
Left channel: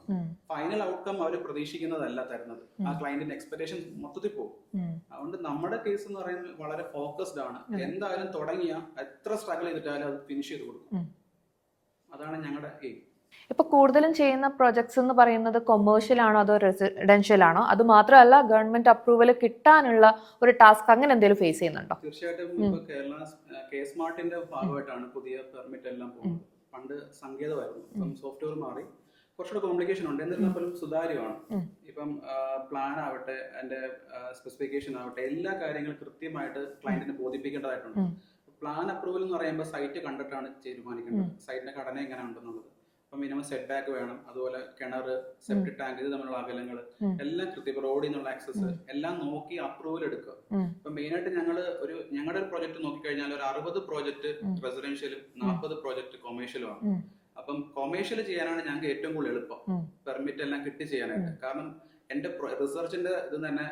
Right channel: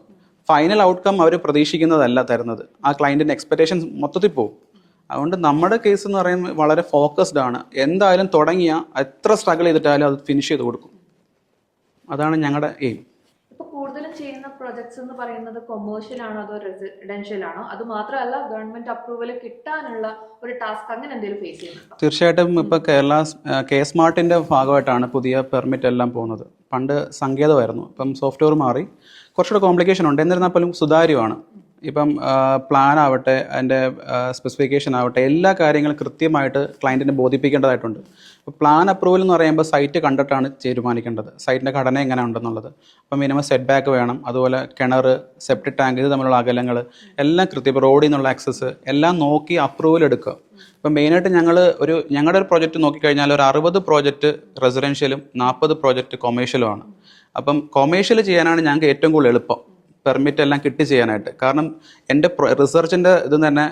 ഫൈനൽ ഔട്ട്കം അവർ പ്രതീക്ഷിക്കുന്നതല്ല തരുന്നത്. ആ ക്ലയൻറ്റിൻ്റെ എക്സ്പെക്ടേഷൻസ് മൊത്തത്തിൽ പോകും. അതുകൊണ്ട് നമ്മുടെ കേസ് എന്ന് പറയുന്നത് വളരെ ഫോക്കസ്ഡ് ആണ്. എന്തായാലും തുടങ്ങിയ എത്ര സ്ട്രഗിൾ ചെയ്തിട്ടായാലും അത് ഫിനിഷ് ചെയ്ത് കൊടുക്കും. അതാണ് ഞങ്ങളുടെ എയിം. ഇപ്പൊ കൂടുതലും ചെയ്യുന്ന പ്രൊജക്ട്സ് എന്ന് പറയുന്നത് കൊമേഴ്ഷ്യൽ ആണോ അതോ റെസിഡൻഷ്യൽ ആണോ? അത് മാത്രമല്ല ഗവൺമെന്റ് അപ്രൂവൽ കിട്ടാനുള്ള ഒരു ടാസ്ക് അങ്ങനെ എന്തെങ്കിലും ഫേസ് ചെയ്യുന്നുണ്ടോ? തീർച്ചയായിട്ടും ഇപ്പൊ കെ സ്മാർട്ടിന്റെ ഭാഗമായിട്ടാണ് പുതിയ പെർമിറ്റ് എല്ലാം പോകുന്നത്. പണ്ട് സങ്കേതമായിരുന്നു, ഇപ്പം സോഫ്റ്റ്വെയർ മാറി, കുറച്ചുകൂടെ കോംപ്ലിക്കേഷൻ ഉണ്ട്. എന്നിരുന്നാൽ പോലും സുതാര്യമാണ്. ഇപ്പം പ്ലാൻ ആവട്ടെ, അതിൻ്റെ സ്പെസിഫിക്കേഷൻ ആവട്ടെ, എല്ലാ കാര്യങ്ങളും കൃത്യമായിട്ട് ക്ലയൻറ്റിനെ ബോധിപ്പിക്കേണ്ടതായിട്ടുണ്ട്. ഇപ്പോൾ പ്ലാൻ അപ്രൂവൽ എന്ന് പറയുമ്പോൾ സൈറ്റ് കണ്ടിട്ടാണ് തീരുമാനിക്കേണ്ടത്, സൈറ്റിൻ്റെ ഘടന എങ്ങനെ ഉണ്ടെന്നുള്ളത്. അപ്പം മിനിമം സെറ്റ് ബാക്ക് വേണം, അതുപോലെ കിണർ, സെപ്റ്റിക് ടാങ്ക്, ഇത് തമ്മിലുള്ള അകലങ്ങൾ എല്ലാം കൃത്യം. ഇപ്പോൾ റോഡിൽ നിന്നുള്ള ആക്സസ് എല്ലാം നോക്കി അപ്രൂവൽ എടുക്കുക. ഇപ്പം മെയിനായിട്ട് ഞങ്ങളുടെ ഒരു പ്രോജക്റ്റ് നോക്കിക്കഴിഞ്ഞാൽ ഒരു 60 പ്രോജക്റ്റ് റെസിഡൻഷ്യലും 40 പ്രോജക്റ്റ് കൊമേഴ്ഷ്യലുമാണ്. അപ്പം കൊമേഴ്ഷ്യൽ ചെയ്യാനാണ് ഞങ്ങൾക്ക് ഏറ്റവും കൂടുതൽ എളുപ്പം, പെർമിറ്റ് എല്ലാം കിട്ടി ചെയ്യാനായിട്ട്. കാരണം എൻ്റെ റിസർച്ചിൻ്റെ ഇത് തന്നെ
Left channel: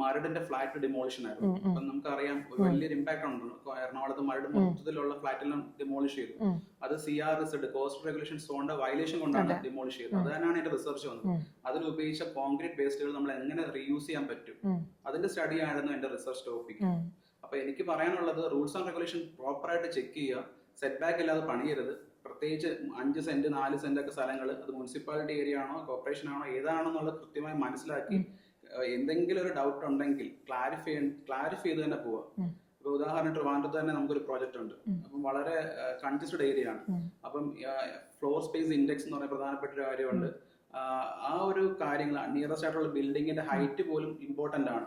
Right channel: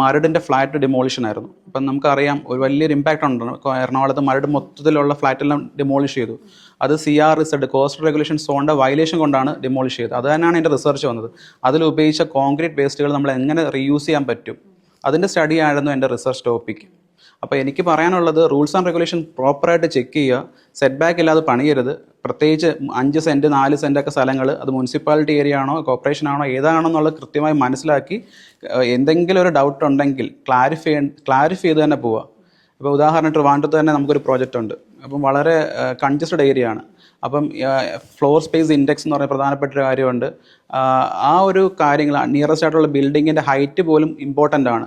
മരടിൻ്റെ ഫ്ലാറ്റ് ഡിമോളിഷൻ ആയിരുന്നു. അപ്പം നമുക്കറിയാം ഒരു വലിയൊരു ഇമ്പാക്റ്റ് ഉണ്ട്. എറണാകുളത്ത് മരട് മൊത്തത്തിലുള്ള ഫ്ലാറ്റെല്ലാം ഡിമോളിഷ് ചെയ്തു. അത് CRZ കോസ്റ്റൽ റെഗുലേഷൻ സോണിൻ്റെ വയലേഷൻ കൊണ്ടാണ് ഡിമോളിഷ് ചെയ്തത്. അത് തന്നെയാണ് എൻ്റെ റിസർച്ച് വന്നത്. അതിൽ ഉപയോഗിച്ച കോൺക്രീറ്റ് വേസ്റ്റുകൾ നമ്മൾ എങ്ങനെ റീയൂസ് ചെയ്യാൻ പറ്റും, അതിൻ്റെ സ്റ്റഡി ആയിരുന്നു എൻ്റെ റിസർച്ച് ടോപ്പിക്. അപ്പോൾ എനിക്ക് പറയാനുള്ളത് റൂൾസ് ആൻഡ് റെഗുലേഷൻ പ്രോപ്പറായിട്ട് ചെക്ക് ചെയ്യുക, സെറ്റ് ബാക്ക് ഇല്ലാതെ പണിയരുത്. പ്രത്യേകിച്ച് 5 സെൻറ്റ് 4 സെൻറ്റൊക്കെ സ്ഥലങ്ങൾ, അത് മുനിസിപ്പാലിറ്റി ഏരിയ ആണോ കോർപ്പറേഷൻ ആണോ ഏതാണെന്നുള്ളത് കൃത്യമായി മനസ്സിലാക്കി എന്തെങ്കിലും ഒരു ഡൗട്ട് ഉണ്ടെങ്കിൽ ക്ലാരിഫൈ ചെയ്ത് തന്നെ പോവുക. ഇപ്പോൾ ഉദാഹരണം ട്രിവാൻഡ്രത്ത് തന്നെ നമുക്കൊരു പ്രോജക്റ്റ് ഉണ്ട്. അപ്പം വളരെ കൺജസ്റ്റഡ് ഏരിയ ആണ്. അപ്പം ഫ്ലോർ സ്പേസ് ഇൻഡെക്സ് എന്ന് പറയുന്ന പ്രധാനപ്പെട്ട ഒരു കാര്യമുണ്ട്. ആ ഒരു കാര്യങ്ങൾ നിയറസ്റ്റ് ആയിട്ടുള്ള ബിൽഡിങ്ങിൻ്റെ ഹൈറ്റ് പോലും ഇമ്പോർട്ടൻ്റ് ആണ്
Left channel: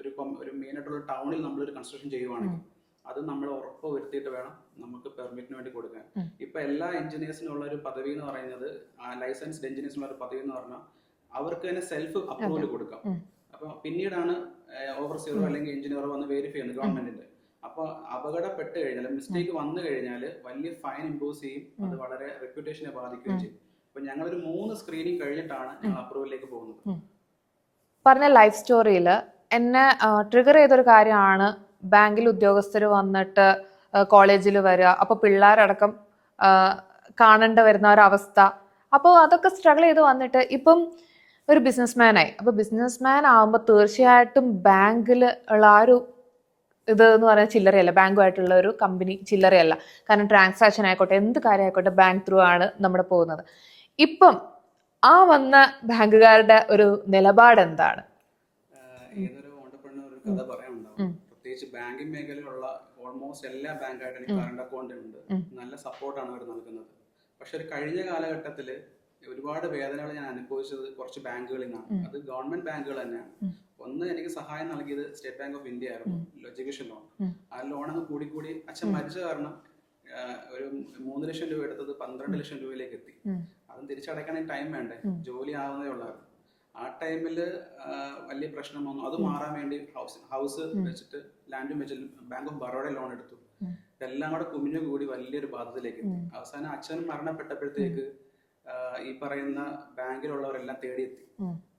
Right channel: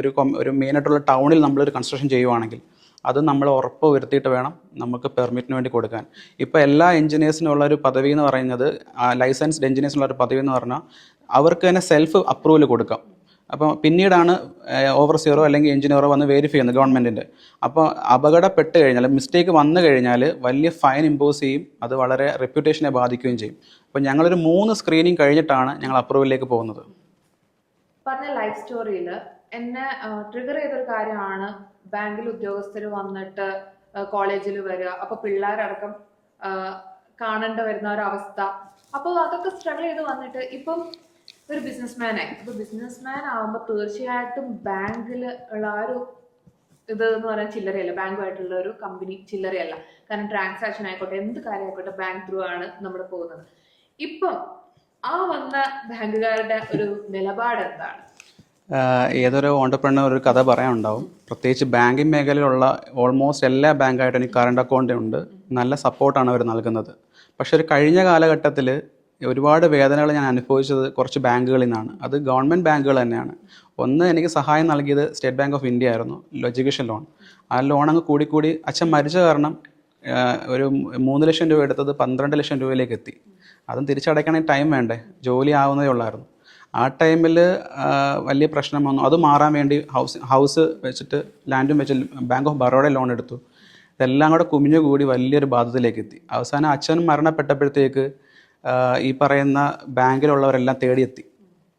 ഒരു മെയിനായിട്ടുള്ള ടൗണിൽ നമ്മളൊരു കൺസ്ട്രക്ഷൻ ചെയ്യുവാണെങ്കിൽ അത് നമ്മൾ ഉറപ്പ് വരുത്തിയിട്ട് വേണം നമുക്ക് പെർമിറ്റിന് വേണ്ടി കൊടുക്കാൻ. ഇപ്പോൾ എല്ലാ എഞ്ചിനീയേഴ്സിനുള്ള ഒരു പദവി എന്ന് പറയുന്നത്, ലൈസൻസ്ഡ് എഞ്ചിനീയേഴ്സിനുള്ള ഒരു പദവി എന്ന് പറഞ്ഞാൽ അവർക്ക് തന്നെ സെൽഫ് അപ്രൂവൽ കൊടുക്കാം. അപ്പോൾ പിന്നീടാണ് ഓവർസിയറോ അല്ലെങ്കിൽ എഞ്ചിനീയറോ വന്ന് വെരിഫൈ ചെയ്യുന്നത് ഗവൺമെൻറ്റിൻ്റെ. അപ്പോൾ അപകടപ്പെട്ട് കഴിഞ്ഞാൽ, മിസ്റ്റേക്ക് വന്നു കഴിഞ്ഞാൽ വലിയ ഫൈൻ ഇമ്പോസ് ചെയ്യും, അത് വളരെ റെപ്യൂട്ടേഷനെ ബാധിക്കുകയും ചെയ്യും. അപ്പോൾ ഞങ്ങളൊരു 3 സ്ക്രീനിങ് കഴിഞ്ഞിട്ടാണ് ഞങ്ങൾ അപ്രൂവലിലേക്ക് പോകുന്നത്. പറഞ്ഞ ലൈഫ് സ്റ്റോറിയിൽ എന്നെ ട്രിഗർ ചെയ്തൊരു കാര്യമാണ് ബാങ്കിൽ ഉദ്യോഗസ്ഥർ വന്നിട്ട് കോളേജിൽ വരിക, അപ്പോൾ പിള്ളേരടക്കം കാണേണ്ട വരുന്ന ഒരവസ്ഥ. അപ്പോൾ അതൊക്കെ സ്ട്രഗിൾ ചെയ്ത് വന്നിട്ട് ഇപ്പം ഒരു ബിസിനസ്മാനായി. അപ്പോൾ ബിസിനസ്മാൻ ആകുമ്പോൾ തീർച്ചയായിട്ടും ബാങ്കിൽ ഉള്ള ആ ഒരു ഇത് എന്ന് പറയുന്നത് ചില്ലറയല്ല. ബാങ്കുമായിട്ടുള്ള ഒരു കമ്പനി ചില്ലറയല്ല. കാരണം ട്രാൻസാക്ഷൻ ആയിക്കോട്ടെ, എന്ത് കാര്യം ആയിക്കോട്ടെ, ബാങ്ക് ത്രൂ ആണ് നമ്മുടെ പോകുന്നത്. ഇപ്പം ആ വന്ന ബാങ്കുകാരുടെ ഒരു നിലപാട് എന്താണ്? ഏതൊരു ഓണ്ടർപ്രണർ ഒരു കഥ പറയാനുണ്ടാവും. പ്രത്യേകിച്ച് ബാങ്കിങ് മേഖലയിലുള്ള ഓൾമോസ്റ്റ് എല്ലാ ബാങ്കായിട്ടും എനിക്ക് കറണ്ട് അക്കൗണ്ട് ഉണ്ട്. നല്ല സപ്പോർട്ടാണ് അവർ നൽകുന്നത്. പക്ഷെ ഒരു കഴിഞ്ഞ കാലഘട്ടത്തിൽ ഒരുപാട് വേദനകൾ ഞാൻ അനുഭവിച്ചത് കുറച്ച് ബാങ്കുകളിൽ നിന്നാണ്. അത് ഗവൺമെൻറ് ബാങ്കുകൾ തന്നെയാണ്. ഒന്ന്, എനിക്ക് സഹായം നൽകിയത് സ്റ്റേറ്റ് ബാങ്ക് ഓഫ് ഇന്ത്യ ആയിരുന്നു, എഡ്യൂക്കേഷൻ ലോൺ. ആ ലോൺ അങ്ങ് കൂടിക്കൂടി അച്ഛൻ മരിച്ച കാരണം ഒരു 3 ലക്ഷം രൂപ എടുത്തത് 12 ലക്ഷം രൂപയിലേക്ക് എത്തി. അതും തിരിച്ചടയ്ക്കണമെങ്കിൽ ടൈം വേണ്ടേ, ജോലി ആവുന്നതേ ഉള്ളായിരുന്നു. ആ ടൈമിൽ വലിയ പ്രശ്നം വന്നു. അത് മാറാൻ വേണ്ടി ഹൗസ് വെച്ചിട്ട്, ലാൻഡും വെച്ച് ബാങ്ക് ഓഫ് ബറോഡ ലോൺ എടുത്തു. ഇതെല്ലാം കൂടെ കുമിഞ്ഞുകൂടി വലിയൊരു ബാധ്യതയിലേക്ക് എത്തി. അവസാനം അച്ഛൻ മരണപ്പെട്ടപ്പോഴത്തേക്ക് ഈ പറയുന്ന ബാങ്കിലുള്ളവരെല്ലാം തേടിയെത്തി.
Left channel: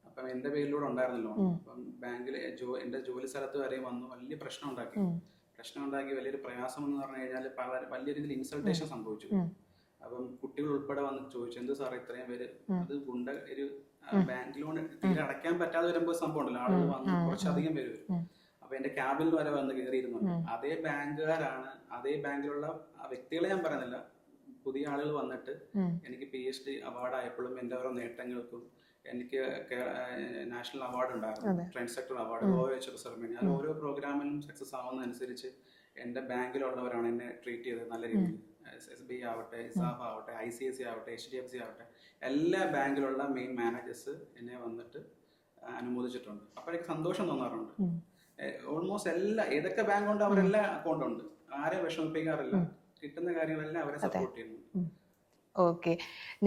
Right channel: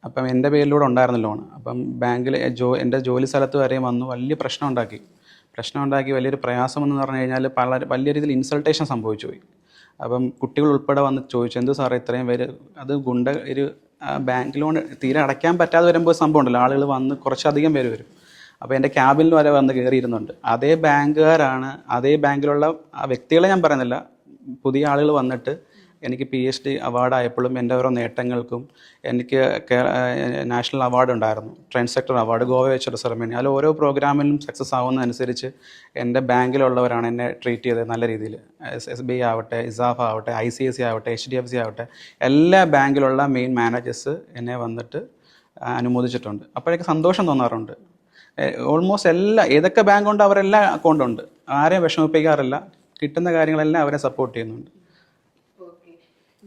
അപ്പം എൻ്റെ പേരിലൂടെ ഉണ്ടായിരുന്ന ലോൺ. അപ്പം ബാങ്കിൽ എൻ്റെ ജോലി സ്ഥലത്ത് വരെയും വന്നു വലിയ പ്രശ്നം ഉണ്ടാക്കി വലിയൊരു പ്രയാസം എന്ന് പറഞ്ഞു കഴിഞ്ഞാൽ വലിയ രീതിയിൽ ഇൻസൾട്ടേഷൻ സംഭവിച്ചു പോയി. അപ്പം കുട്ടികൾ ഉൾപ്പെടെ വന്ന് ചോദിച്ചു, എന്ത് സാറേ ഇത്രയും പേര്, അത് ഒരു ബാങ്ക് ലോൺ തീരെ അടയ്ക്കാൻ പറ്റാതെ വരുമ്പോൾ സംഭവം ഉണ്ടല്ലോ, ആളുകൾ വന്ന് കുറച്ചധികം പേര് വരും. അപ്പോൾ എൻ്റെ ക്യാബിനിൽ വരെ വന്ന് കയറിയിരുന്നുണ്ട്. അതേ ബാങ്കുകാരാണ്, അതേ ബാങ്കിലുള്ള ആ വ്യക്തികളെ ഞാൻ പറയുന്നില്ല, പുതിയ ആളുകൾ വന്നിട്ട് എനിക്ക് PhD അവാർഡായപ്പോഴും എൻ്റെ ഓരോ നേട്ടങ്ങൾക്കും, എനിക്ക് നാഷണൽ അവാർഡ് ഉണ്ടായിരുന്നു, ട്രെൻഡ് സെക്ടർ അവാർഡ്, ഗോവ വെച്ചൊരു സെറമണി. അതിൽ ഓരോ പ്രോഗ്രാമിലും സക്സസ് ആവുന്നതനുസരിച്ച് എൻ്റെ ബാങ്കിലുള്ളവരാണ് എന്നെ ട്രീറ്റ് ചെയ്തത് നല്ല രീതിയിൽ. SBI ആവട്ടെ, ഇസാഫ് ആവട്ടെ, ICICI ആവട്ടെ, HDFC ആവട്ടെ, എല്ലാ ബാങ്കിലുള്ള മെയിൻ മാനേജേഴ്സ് എന്നെ വന്നിട്ട് അനുമോദിച്ചിട്ടുണ്ട്. അപ്പോഴേക്ക് സന്തോഷം തോന്നാറുണ്ട്. ഓൾമോസ്റ്റ് ഏതൊക്കെ ബാങ്ക് ഉണ്ട് അവരെല്ലാം അക്കൗണ്ട് ഉണ്ട്, ആരെയും വിഷമിപ്പിക്കാറില്ല, കിട്ടുന്ന കാര്യങ്ങളെല്ലാം അവരെ സപ്പോർട്ട് ചെയ്യുന്നുണ്ട്. ഓക്കെ,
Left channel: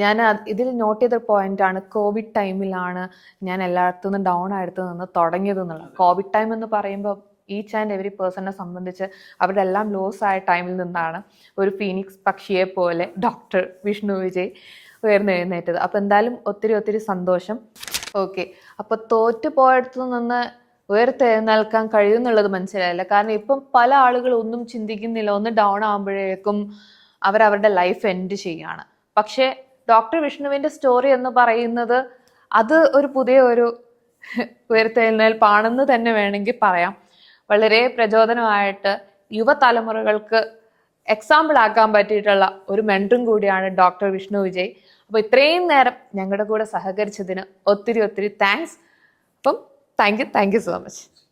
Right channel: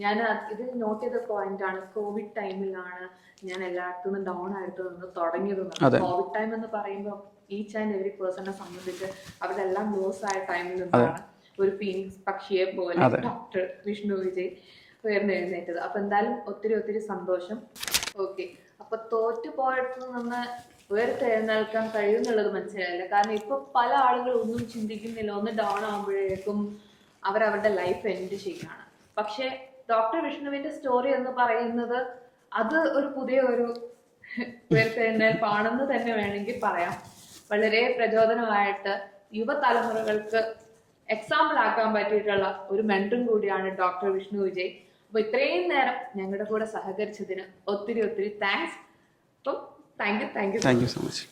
ഞാൻ ഇതിൽ നോട്ട് ചെയ്ത പോയിന്റ് ആണ്, കോവിഡ് ടൈമിലാണ് ഞാൻ എല്ലായിടത്തുനിന്നും ഡൗൺ ആയിട്ട് നിന്ന് തുടങ്ങിയത് എന്നുള്ളത്. കോവിഡ് ടൈം എന്ന് പറയുമ്പോൾ ഈച്ച് ആൻഡ് എവറി പേഴ്സണെ സംബന്ധിച്ച് അവരുടെ എല്ലാം ലോസ് ആയ ടൈമിൽ നിന്നാണ് ഒരു ഫീനിക്സ് പക്ഷിയെ പോലെ ഡോക്ടർ വിഷ്ണു വിജയ് ഉയർന്നെഴുന്നേറ്റത്. അപ്പൊ എന്തായാലും ഒത്തിരി സന്തോഷം. ഓക്കെ, അപ്പൊ തോറ്റു പോയടത്തു നിന്ന് ഉയർത്തെഴുന്നേൽക്കാൻ കഴിയുന്നുള്ളത് മനസ്സിലായില്ല. കാരണം ഇപ്പം പല ആളുകൾ ഒന്നും ചിന്തിക്കുന്നില്ല, ഒന്ന് ഡൗൺ ആകുമ്പോഴേക്കും അവരവരുടെ ലൈഫ് എൻഡ് ചെയ്യാണ്. പക്ഷേ ഡോക്ടർ വിഷ്ണുവിന്റെ സ്റ്റോറി എന്ന് പറയുന്നത് അത് ഒരു പുതിയ ഒരു ഉയർത്തെഴുന്നേൽപ്പാണെന്ന് തന്നെ വേണമെങ്കിൽ പറയാം. വളരെ പ്രചോദനമായിട്ട് യുവതലമുറകൾക്ക് എക്സാമ്പിൾ ആക്കാൻ പറ്റിയിട്ടുള്ള ഒരു മെൻറ്ററും കൂടിയാണ് ഡോക്ടർ വിഷ്ണു വിജയ്. അപ്പോൾ ഇത്രയും നേരം ഞങ്ങളുടെ കൂടെ സഹകരിച്ചതിന് ഒത്തിരി താങ്ക്സ്. അപ്പം താങ്ക് യു സോ മച്ച്.